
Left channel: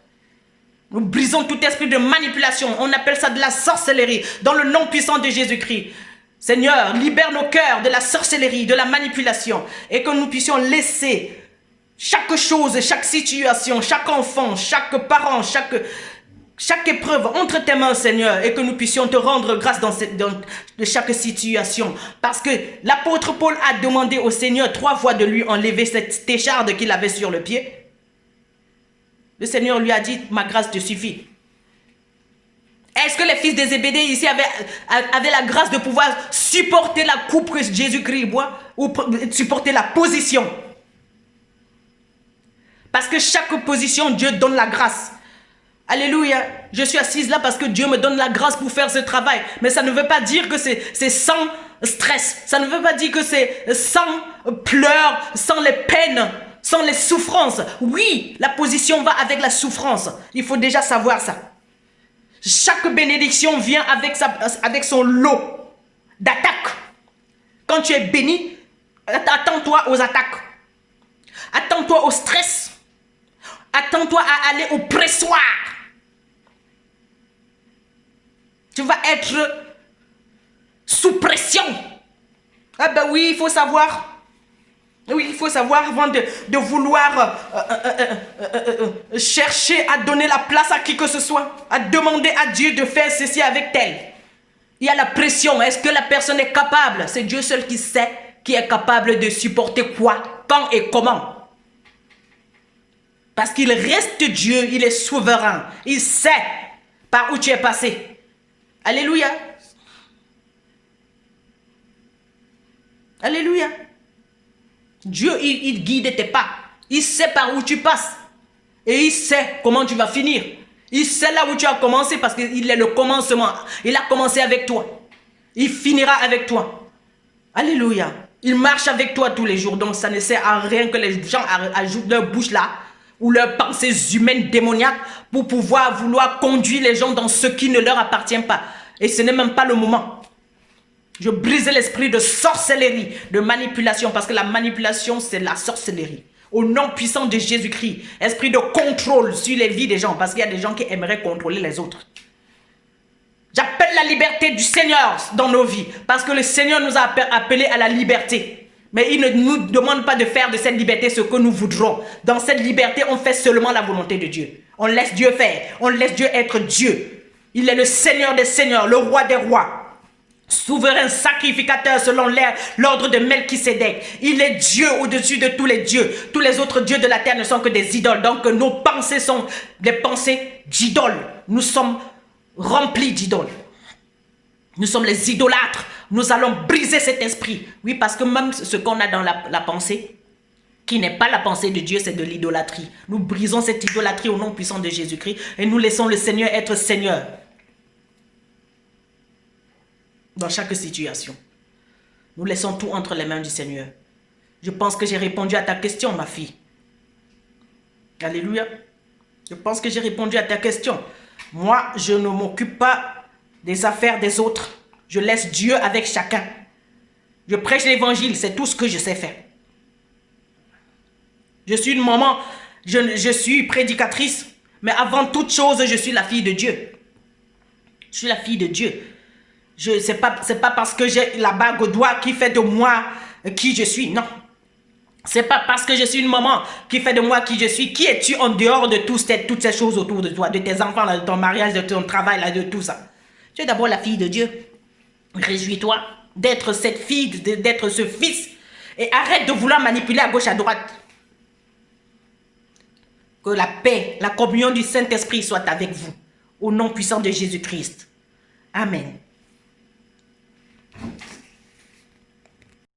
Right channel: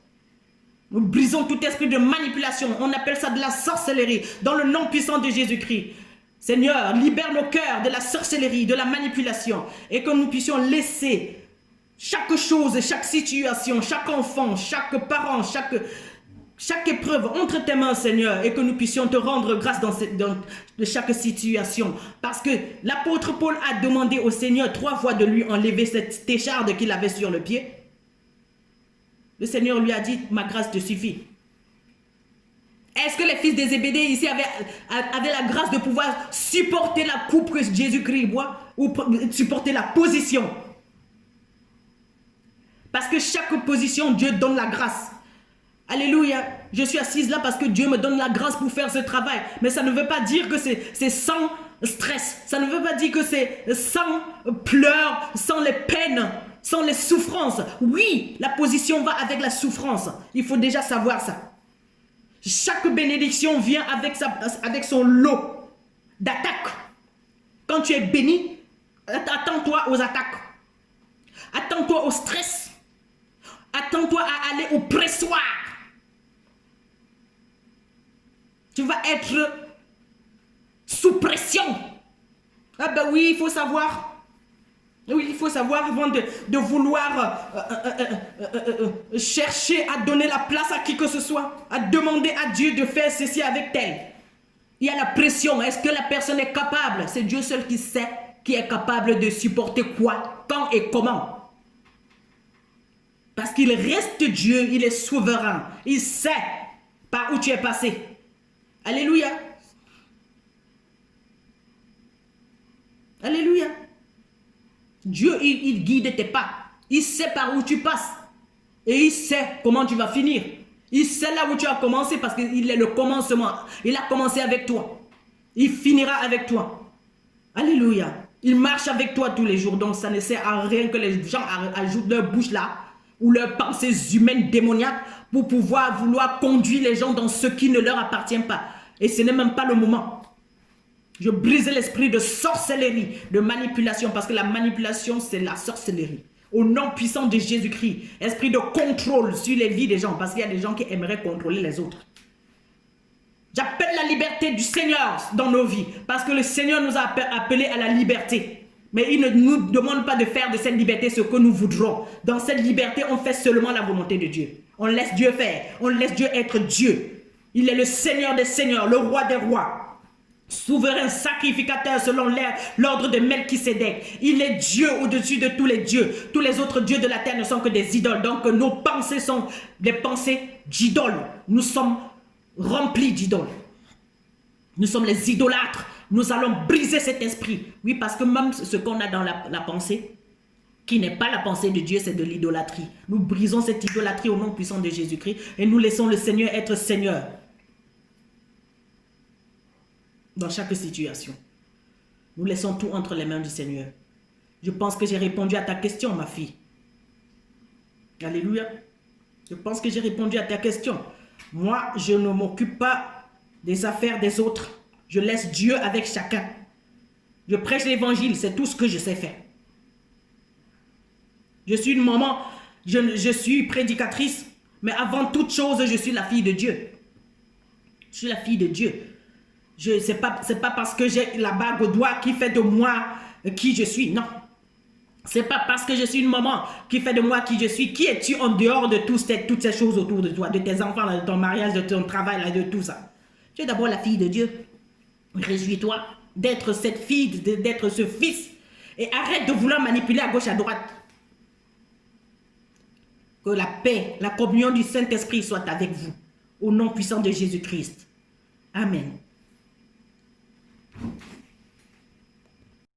Nous brisons tout esprit de manipulation. On appelle ça de la sorcellerie. Dans le nom puissant de Jésus-Christ. Seigneur, libère nos cœurs de la sorcellerie, de la manipulation. Et que nous puissions laisser chaque chose, chaque situation, chaque enfant, chaque parent, chaque épreuve entre tes mains, Seigneur, et que nous puissions te rendre grâce dans de chaque situation. Parce que l'apôtre Paul a demandé au Seigneur 3 fois de lui enlever cette écharde qu'il avait sur le pied. Le Seigneur lui a dit, ma grâce te suffit. Est-ce que les fils des Zébédée ici avaient la grâce de pouvoir supporter la coupe que Jésus-Christ boit ou supporter la position? Parce que chaque position, Dieu donne la grâce. Alléluia. Je suis assise là parce que Dieu me donne la grâce pour faire ce travail. Mais ça ne veut pas dire que c'est sans stress. Ça ne veut pas dire que c'est sans pleurs, sans les peines, sans les souffrances. Oui, la position va avec la souffrance. Il faut déjà savoir ça. Chaque bénédiction vient avec son lot d'attaques. Quand tu es béni, attends-toi aux attaques. Attends-toi au stress. Attends-toi à aller au pressoir. Tu vas être sous pression. Ah ben oui, il faut savoir. Oui, il faut savoir avant de vouloir chercher à donner la place à qui que ce soit, à demander à Dieu de faire ceci avec tel. Il y a la pression. Est-ce que la personne est capable? C'est Dieu seul qui sait, qui est capable de supporter quoi, quand et comment. Parce qu'il reste Dieu, il est souverain. Il sait par où tu es passé. Alléluia. Alléluia. Dieu, il guide tes pas. Il sait par où tu passes. Et il sait comment tu vas finir. Il sait là où tu as commencé parce qu'il est le commencement. Il a commencé avec toi. Il finira avec toi. Alléluia. Il marche avec toi tous les jours. Donc ça ne sert à rien que les gens ajoutent leur bouche là ou leurs pensées humaines démoniaques pour vouloir conduire les gens dans ce qui ne leur appartient pas. Et ce n'est même pas le moment. Je brise l'esprit de sorcellerie, de manipulation, parce que la manipulation, c'est la sorcellerie. Au nom puissant de Jésus-Christ, esprit de contrôle sur les vies des gens, parce qu'il y a des gens qui aimeraient contrôler les autres. J'appelle la liberté du Seigneur dans nos vies, parce que le Seigneur nous a appelés à la liberté. Mais il ne nous demande pas de faire de cette liberté ce que nous voudrons. Dans cette liberté, on fait seulement la volonté de Dieu. On laisse Dieu faire, on laisse Dieu être Dieu. Il est le Seigneur des seigneurs, le roi des rois. Souverain sacrificateur selon l'ordre de Melchisédek. Il est Dieu au-dessus de tous les dieux. Tous les autres dieux de la terre ne sont que des idoles. Donc nos pensées sont des pensées d'idoles. Nous sommes remplis d'idoles. Nous sommes les idolâtres. Nous allons briser cet esprit. Oui, parce que même ce qu'on a dans la pensée, qui n'est pas la pensée de Dieu, c'est de l'idolâtrie. Nous brisons cette idolâtrie au nom puissant de Jésus-Christ et nous laissons le Seigneur être Seigneur. Dans chaque situation. Nous laissons tout entre les mains du Seigneur. Je pense que j'ai répondu à ta question, ma fille. Alléluia. Je pense que j'ai répondu à ta question. Moi, je ne m'occupe pas des affaires des autres. Je laisse Dieu avec chacun. Je prêche l'évangile, c'est tout ce que je sais faire. Je suis une maman, je suis prédicatrice, mais avant toute chose, je suis la fille de Dieu. Je suis la fille de Dieu. C'est pas parce que j'ai la bague au doigt qui fait de moi qui je suis. Non. C'est pas parce que je suis une maman qui fait de moi qui je suis. Qui es-tu en dehors de toutes ces choses autour de toi, de tes enfants, de ton mariage, de ton travail, de tout ça? Tu es d'abord la fille de Dieu. Réjouis-toi d'être cette fille, d'être ce fils. Et arrête de vouloir manipuler à gauche, à droite. Que la paix, la communion du Saint-Esprit soit avec vous. Au nom puissant de Jésus-Christ. Amen.